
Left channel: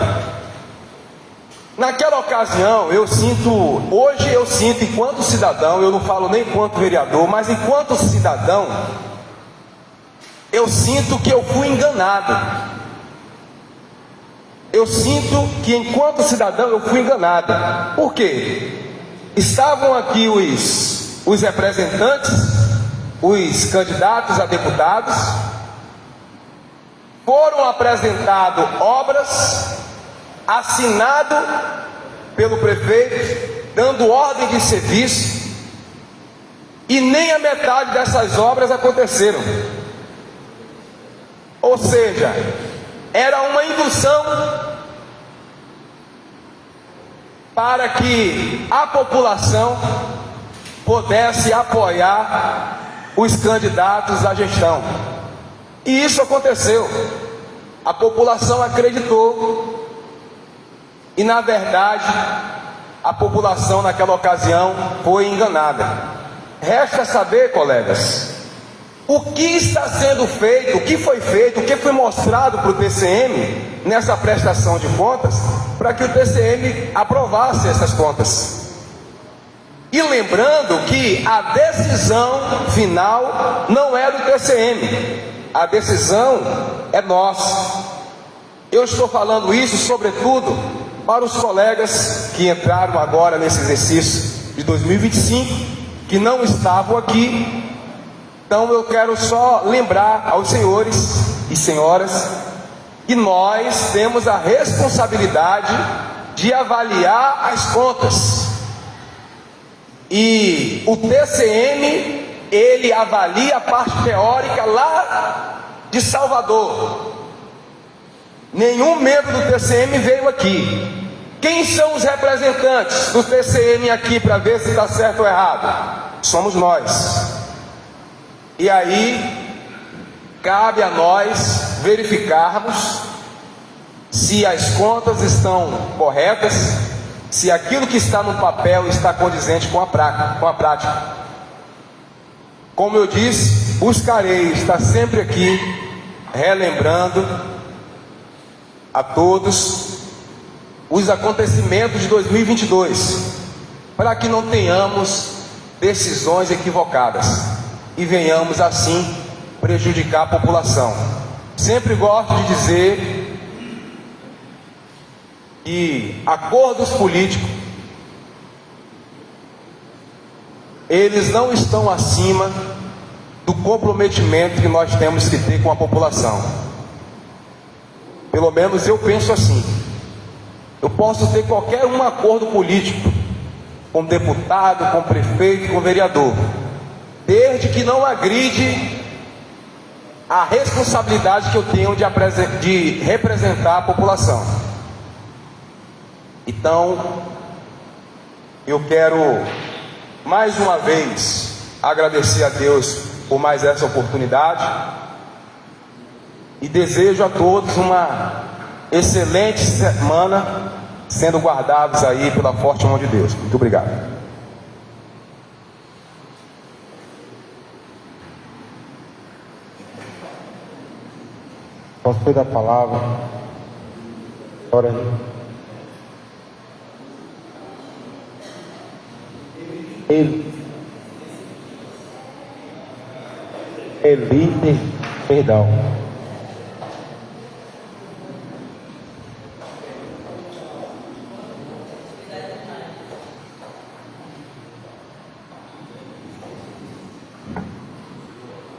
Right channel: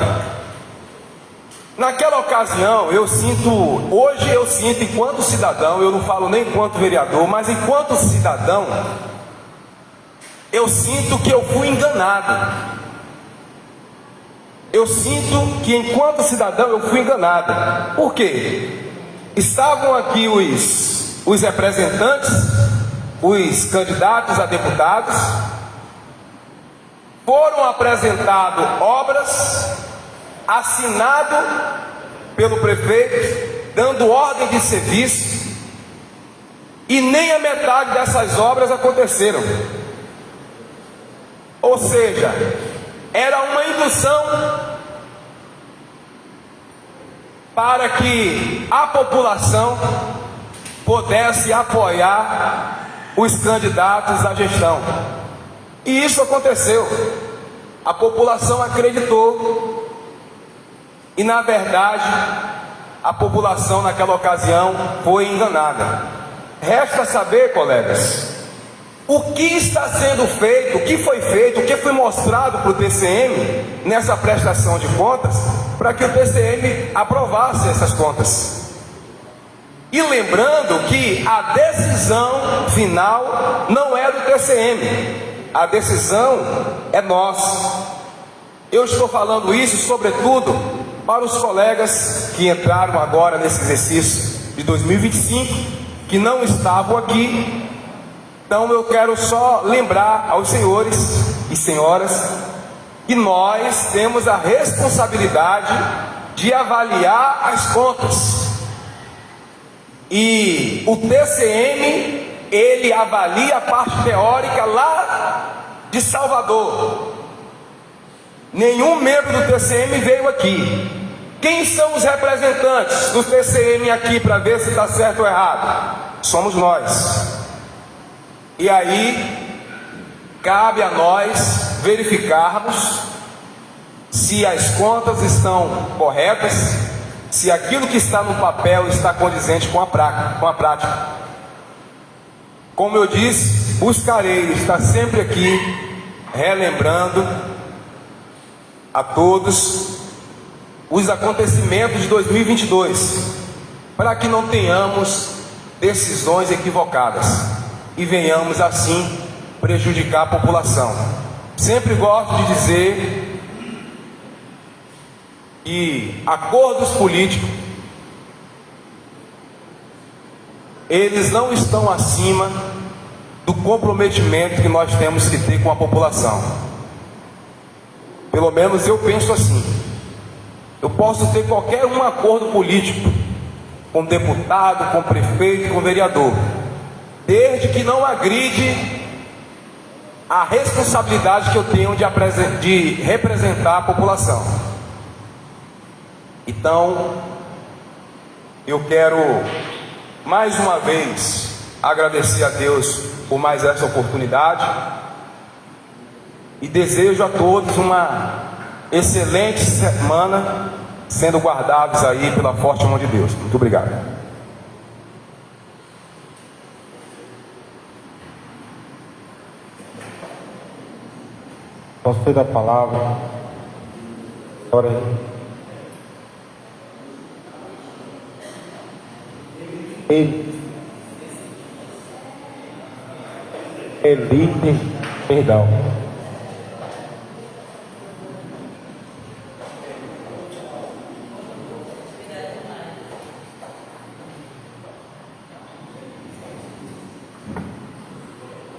Naquela ocasião, hoje eu sinto enquanto cidadão, eu não falo nem enquanto vereador, mas enquanto cidadão, eu sinto que eu fui enganado. Eu sinto que enquanto cidadão eu fui enganado. Por quê? Estavam aqui os representantes, os candidatos a deputados, foram apresentadas obras, assinado pelo prefeito, dando ordem de serviço, e nem a metade dessas obras aconteceram. Ou seja, era uma indução para que a população pudesse apoiar os candidatos à gestão. E isso aconteceu. A população acreditou. E, na verdade, a população naquela ocasião foi enganada. Resta saber, colegas, o que está sendo feito, o que foi feito, o que foi mostrado para o TCM nessa prestação de contas, para que o TCM aprovasse essas contas. E lembrando que a decisão final não é do TCM, a decisão é nossa. Eu estou falando isso, sobretudo, para os colegas que entraram agora nesse exercício de 2025, que não estavam aqui. Então eu quero só lembrar aos senhores e senhoras que nós temos a responsabilidade de avaliar as contas. E o TCM, ele avalia a parte teórica lá de Salvador. Nenhum membro do TCM veio aqui. Quem são os representantes do TCM aqui para ver se está certo ou errado? Somos nós. E aí, cabe a nós verificarmos se as contas estão corretas, se aquilo que está no papel está condizente com a prática. Como eu disse, buscarei estar sempre aqui relembrando a todos os acontecimentos de 2022, para que não tenhamos decisões equivocadas e venhamos assim prejudicar a população. Sempre gosto de dizer que acordos políticos, eles não estão acima do comprometimento que nós temos que ter com a população. Pelo menos eu penso assim. Eu posso ter qualquer um acordo político com deputado, com prefeito, com vereador, desde que não agride a responsabilidade que eu tenho de representar a população. Então, eu quero mais uma vez agradecer a Deus por mais essa oportunidade e desejo a todos uma excelente semana, sendo guardados aí pela forte mão de Deus. Muito obrigado. Posso ter a palavra? Ora aí. Elite, perdão.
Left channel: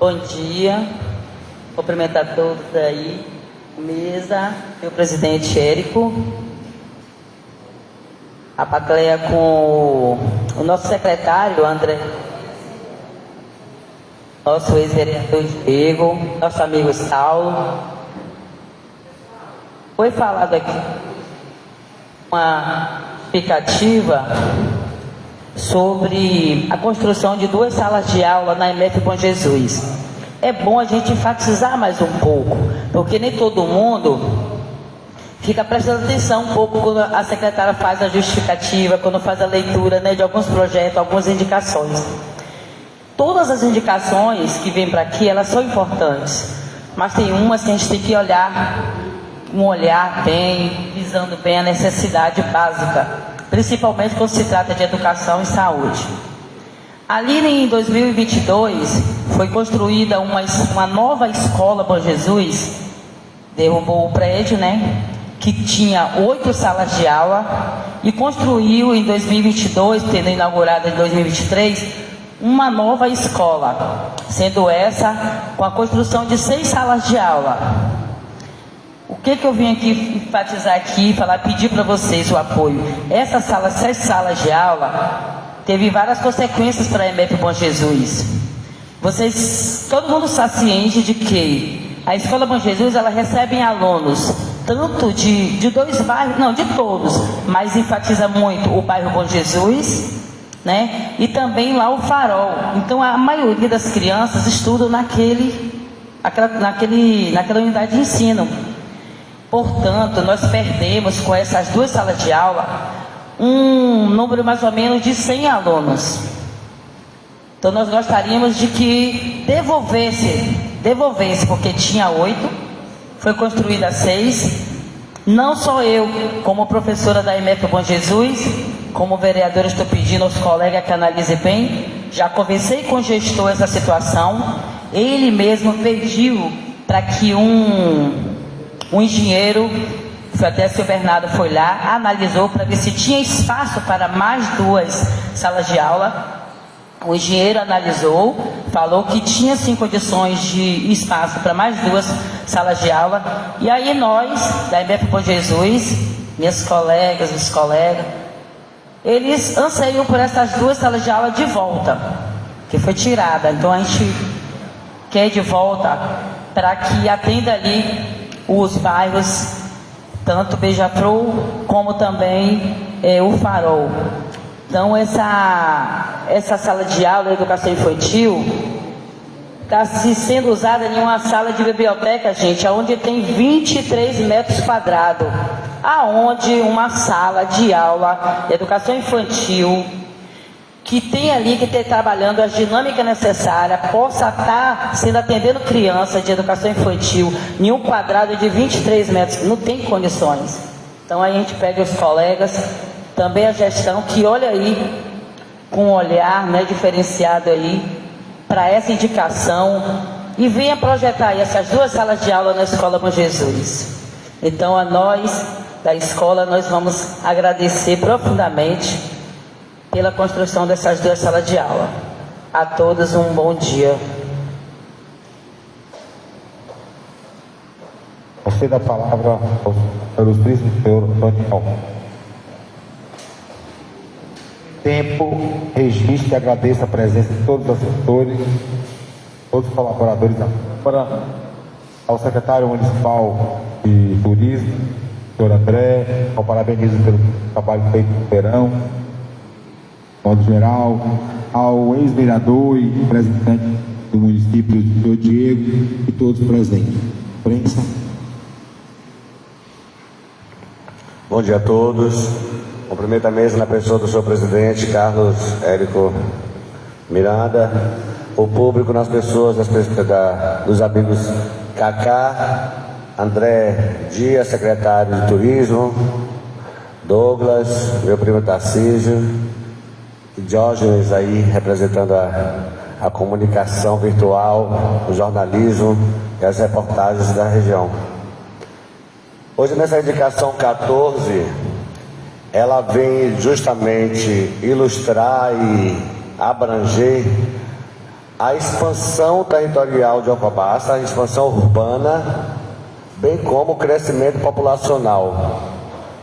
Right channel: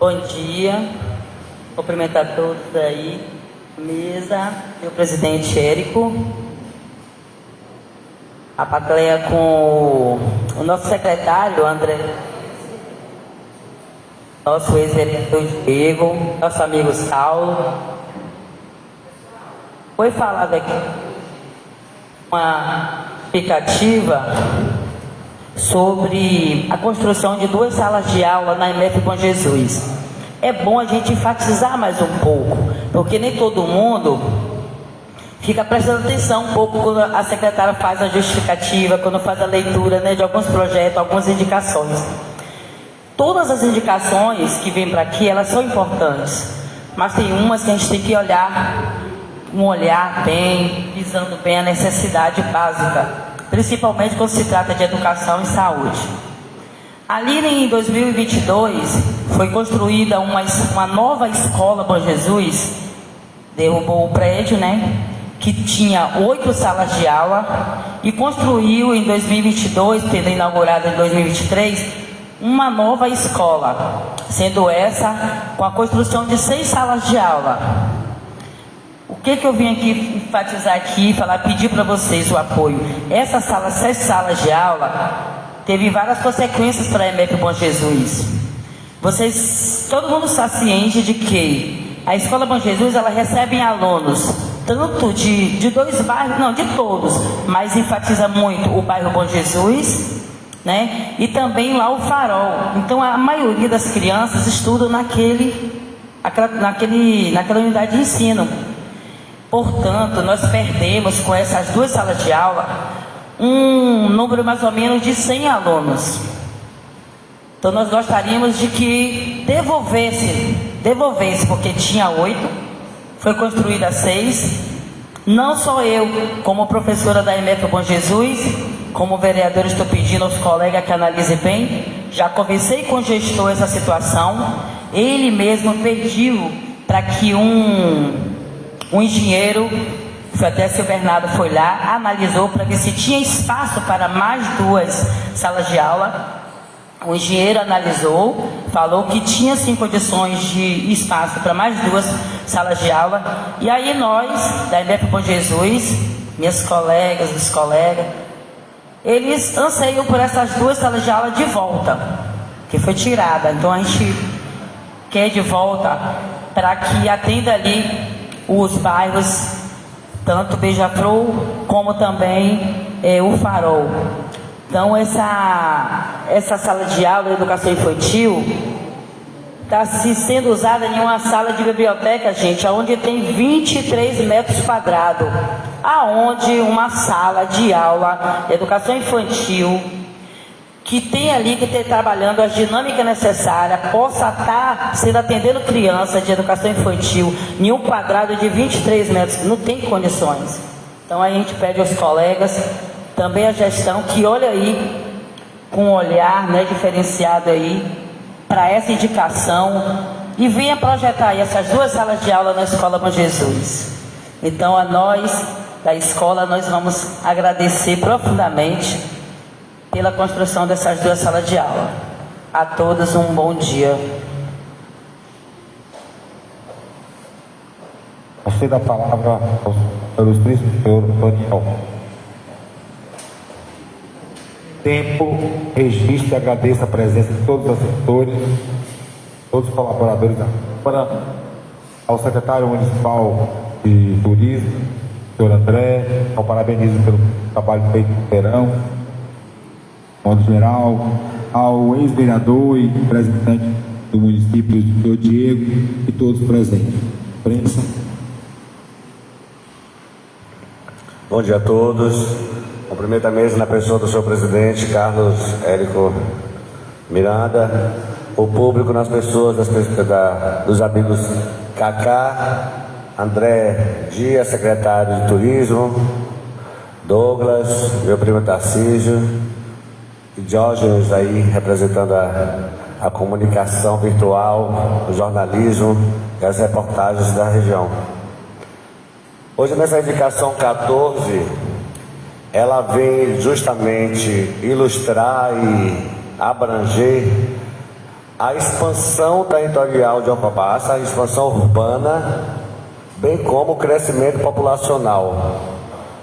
Bom dia, cumprimentar todos aí, mesa, meu presidente Érico, a plateia com o nosso secretário André, nosso ex-vereador Diego, nosso amigo Saulo. Foi falado aqui uma explicativa sobre a construção de 2 salas de aula na MF Bom Jesus. É bom a gente enfatizar mais um pouco, porque nem todo mundo fica prestando atenção um pouco quando a secretária faz a justificativa, quando faz a leitura, né, de alguns projetos, algumas indicações. Todas as indicações que vêm para aqui, elas são importantes, mas tem umas que a gente tem que olhar bem, visando bem a necessidade básica, principalmente quando se trata de educação e saúde. Ali em 2022 foi construída uma nova escola Bom Jesus, derrubou o prédio, né, que tinha 8 salas de aula, e construiu em 2022, tendo inaugurado em 2023, uma nova escola, sendo essa com a construção de 6 salas de aula. O que eu vim aqui enfatizar aqui, pedir para vocês o apoio. Essas 6 salas de aula teve várias consequências para a MF Bom Jesus. Todo mundo está ciente de que a Escola Bom Jesus, ela recebe alunos tanto de dois bairros, não, de todos, mas enfatiza muito o bairro Bom Jesus, né? E também lá o Farol. Então a maioria das crianças estudam naquela unidade de ensino. Portanto, nós perdemos com essas duas salas de aula um número mais ou menos de 100 alunos. Então nós gostaríamos de que devolvesse, porque tinha 8, foi construída 6. Não só eu, como professora da EMF Bom Jesus, como vereadora, estou pedindo aos colegas que analisem bem. Já conversei com o gestor essa situação. Ele mesmo pediu para que um engenheiro, até o seu Bernardo foi lá, analisou para ver se tinha espaço para mais 2 salas de aula. O engenheiro analisou, falou que tinha sim condições de espaço para mais 2 salas de aula. E aí nós, da EMF Bom Jesus, minhas colegas, os colegas, eles anseiam por essas 2 salas de aula de volta, que foi tirada. Então a gente quer de volta para que atenda ali os bairros, tanto Beija-Flor como também o Farol. Então essa sala de aula de educação infantil está sendo usada em uma sala de biblioteca, gente, onde tem 23 metros quadrados, aonde uma sala de aula de educação infantil que tem ali que ter trabalhando as dinâmicas necessárias, possa estar sendo atendendo crianças de educação infantil em um quadrado de 23 metros, não tem condições. Então a gente pede aos colegas, também a gestão, que olha aí com um olhar, né, diferenciado aí para essa indicação e venha projetar aí essas 2 salas de aula na Escola Bom Jesus. Então a nós da escola, nós vamos agradecer profundamente pela construção dessas 2 salas de aula. A todos um bom dia. Você dá a palavra ao senhor ilustríssimo senhor Daniel. Tempo, registro e agradeço a presença de todos os assessores, todos os colaboradores da Câmara, ao secretário municipal de turismo, senhor André, ao parabenizo pelo trabalho feito no verão, modo geral, ao ex-vereador e representante do município, senhor Diego, e todos presentes. Prensa. Bom dia a todos. Cumprimento a mesa na pessoa do senhor presidente, Carlos Érico Miranda, o público nas pessoas dos amigos Cacá, André Dias, secretário de turismo, Douglas, meu primo Tarcísio, e Diógenes aí representando a comunicação virtual, o jornalismo e as reportagens da região. Hoje nessa indicação 14, ela vem justamente ilustrar e abranger a expansão territorial de Alcobaça, a expansão urbana, bem como o crescimento populacional.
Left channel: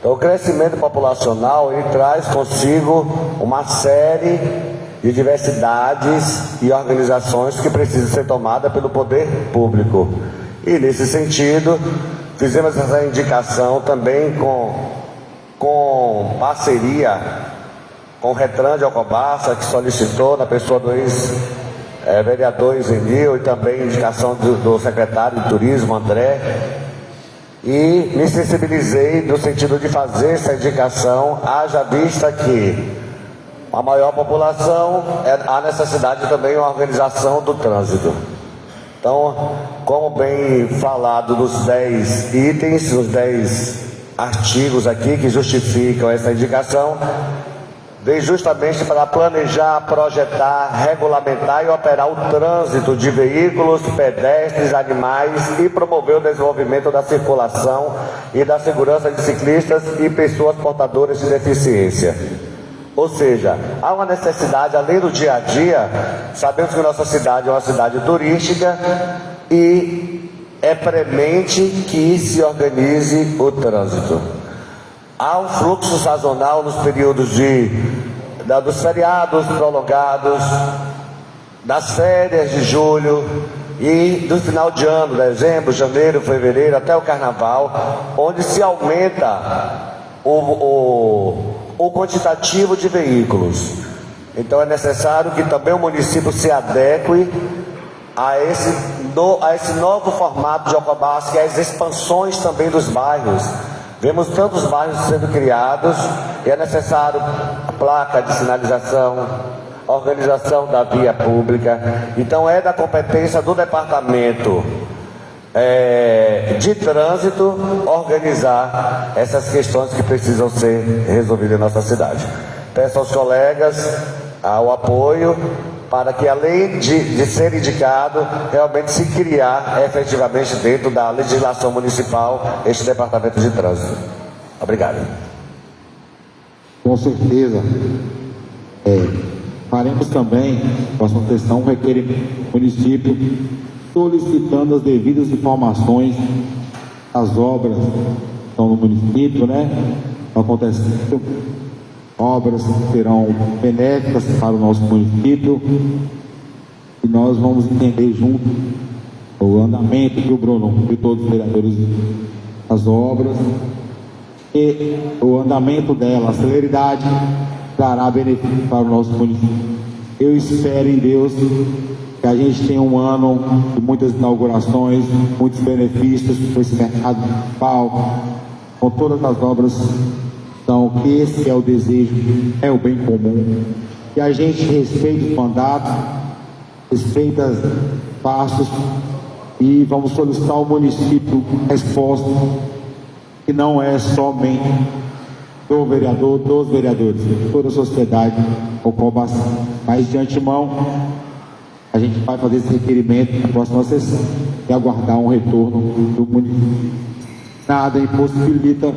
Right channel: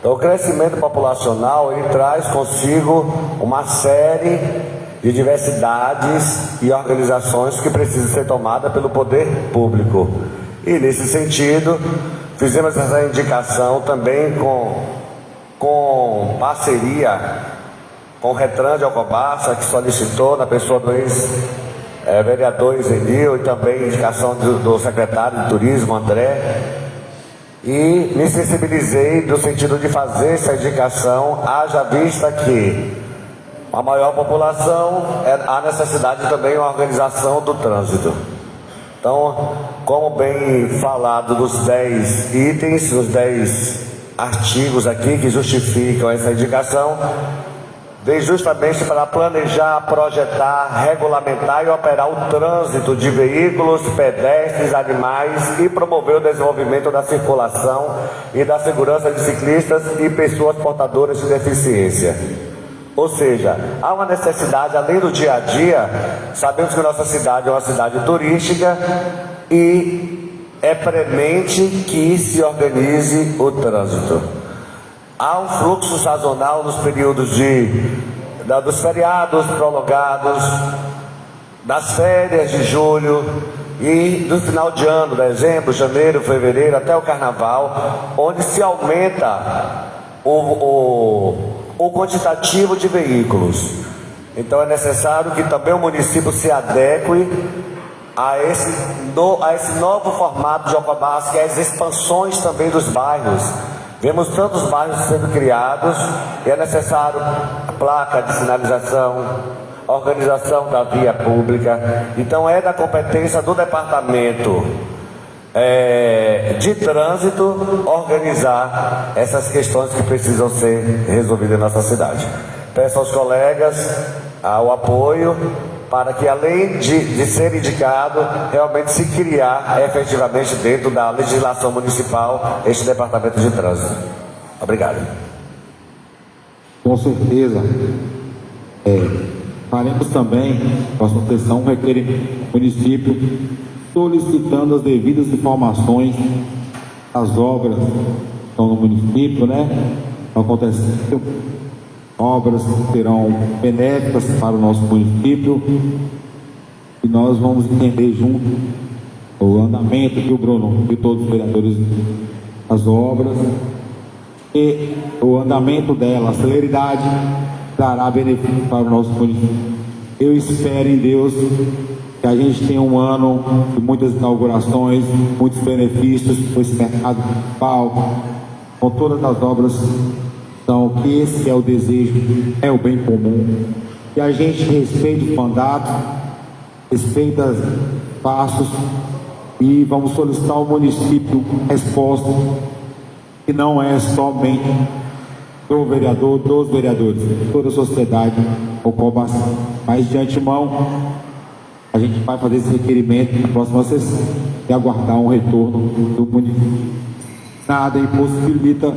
Então, o crescimento populacional, ele traz consigo uma série de diversidades e organizações que precisam ser tomadas pelo poder público. E, nesse sentido, fizemos essa indicação também com parceria com o Retran de Alcobaça, que solicitou, na pessoa do ex-vereador Zenil, e também indicação do secretário de turismo, André, e me sensibilizei no sentido de fazer essa indicação, haja vista que a maior população, há necessidade também de uma organização do trânsito. Então, como bem falado dos 10 itens, os 10 artigos aqui que justificam essa indicação, vem justamente para planejar, projetar, regulamentar e operar o trânsito de veículos, pedestres, animais e promover o desenvolvimento da circulação e da segurança de ciclistas e pessoas portadoras de deficiência. Ou seja, há uma necessidade, além do dia a dia, sabemos que nossa cidade é uma cidade turística e é premente que se organize o trânsito. Há um fluxo sazonal nos períodos dos feriados prolongados, das férias de julho, e do final de ano, dezembro, janeiro, fevereiro, até o carnaval, onde se aumenta o quantitativo de veículos. Então é necessário que também o município se adeque a esse novo formato de Alcobaça, que é as expansões também dos bairros. Vemos tantos bairros sendo criados e é necessário placa de sinalização, organização da via pública. Então é da competência do departamento de trânsito organizar essas questões que precisam ser resolvidas em nossa cidade. Peço aos colegas o apoio para que, além de ser indicado, realmente se criar efetivamente dentro da legislação municipal este departamento de trânsito. Obrigado. Com certeza. Faremos também, próxima questão, requerimento do município solicitando as devidas informações das obras que estão no município, né? Acontecendo obras que serão benéficas para o nosso município e nós vamos entender junto o andamento que o Bruno e todos os vereadores das obras e o andamento dela, a celeridade dará benefício para o nosso município. Eu espero em Deus que a gente tenha um ano de muitas inaugurações, muitos benefícios para esse mercado municipal, com todas as obras. Então, que esse é o desejo, é o bem comum, que a gente respeite o mandato, respeite os passos e vamos solicitar ao município resposta que não é somente do vereador, dos vereadores, toda a sociedade, o Alcobaça. Mas de antemão, a gente vai fazer esse requerimento na próxima sessão e aguardar um retorno do município. Nada impossibilita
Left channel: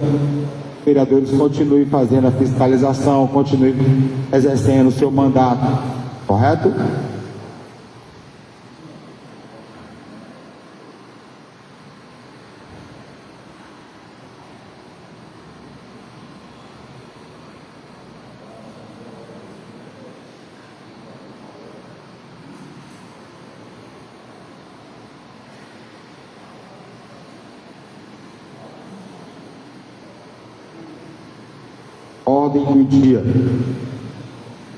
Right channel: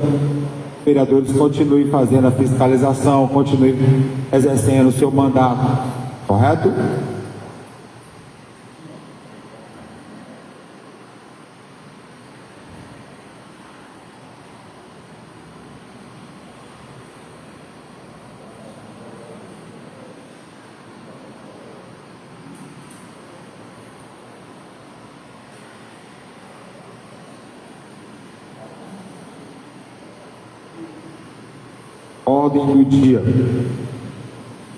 vereadores continuem fazendo a fiscalização, continuem exercendo o seu mandato, correto? Ordem do dia.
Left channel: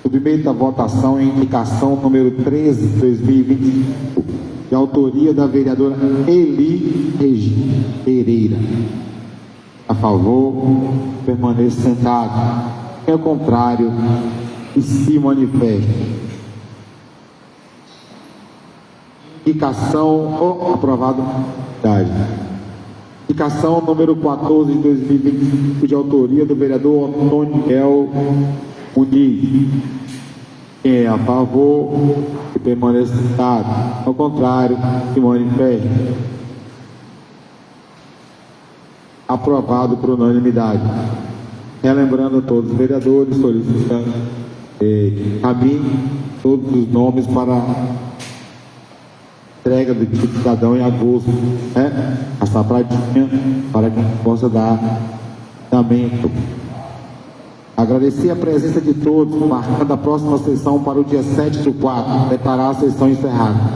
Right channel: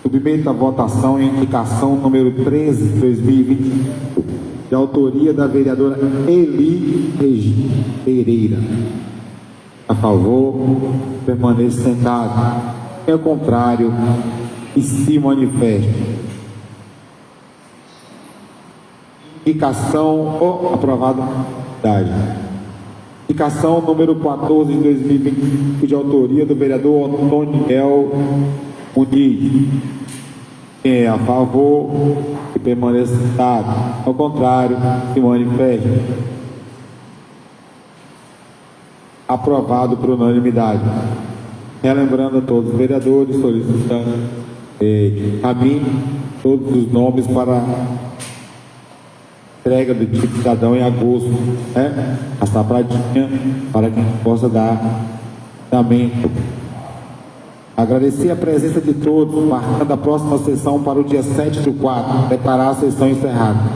Submeto à votação a indicação número 13 de 2025, de autoria da vereadora Eli Regina Pereira. A favor, permaneça sentado. Quem é contrário, que se manifeste. Indicação aprovada. Indicação número 14 de 2025, de autoria do vereador Antônio Miguel Muniz. Quem é a favor, que permaneça sentado. Ao contrário, que manifeste. Aprovado por unanimidade. Relembrando a todos os vereadores, solicitando a mim todos os nomes para entrega do tipo cidadão em agosto, né? Passar para a Dinha, para que possa dar andamento. Agradecer a presença de todos, marcando a próxima sessão para o dia 7/4, declarar a sessão encerrada.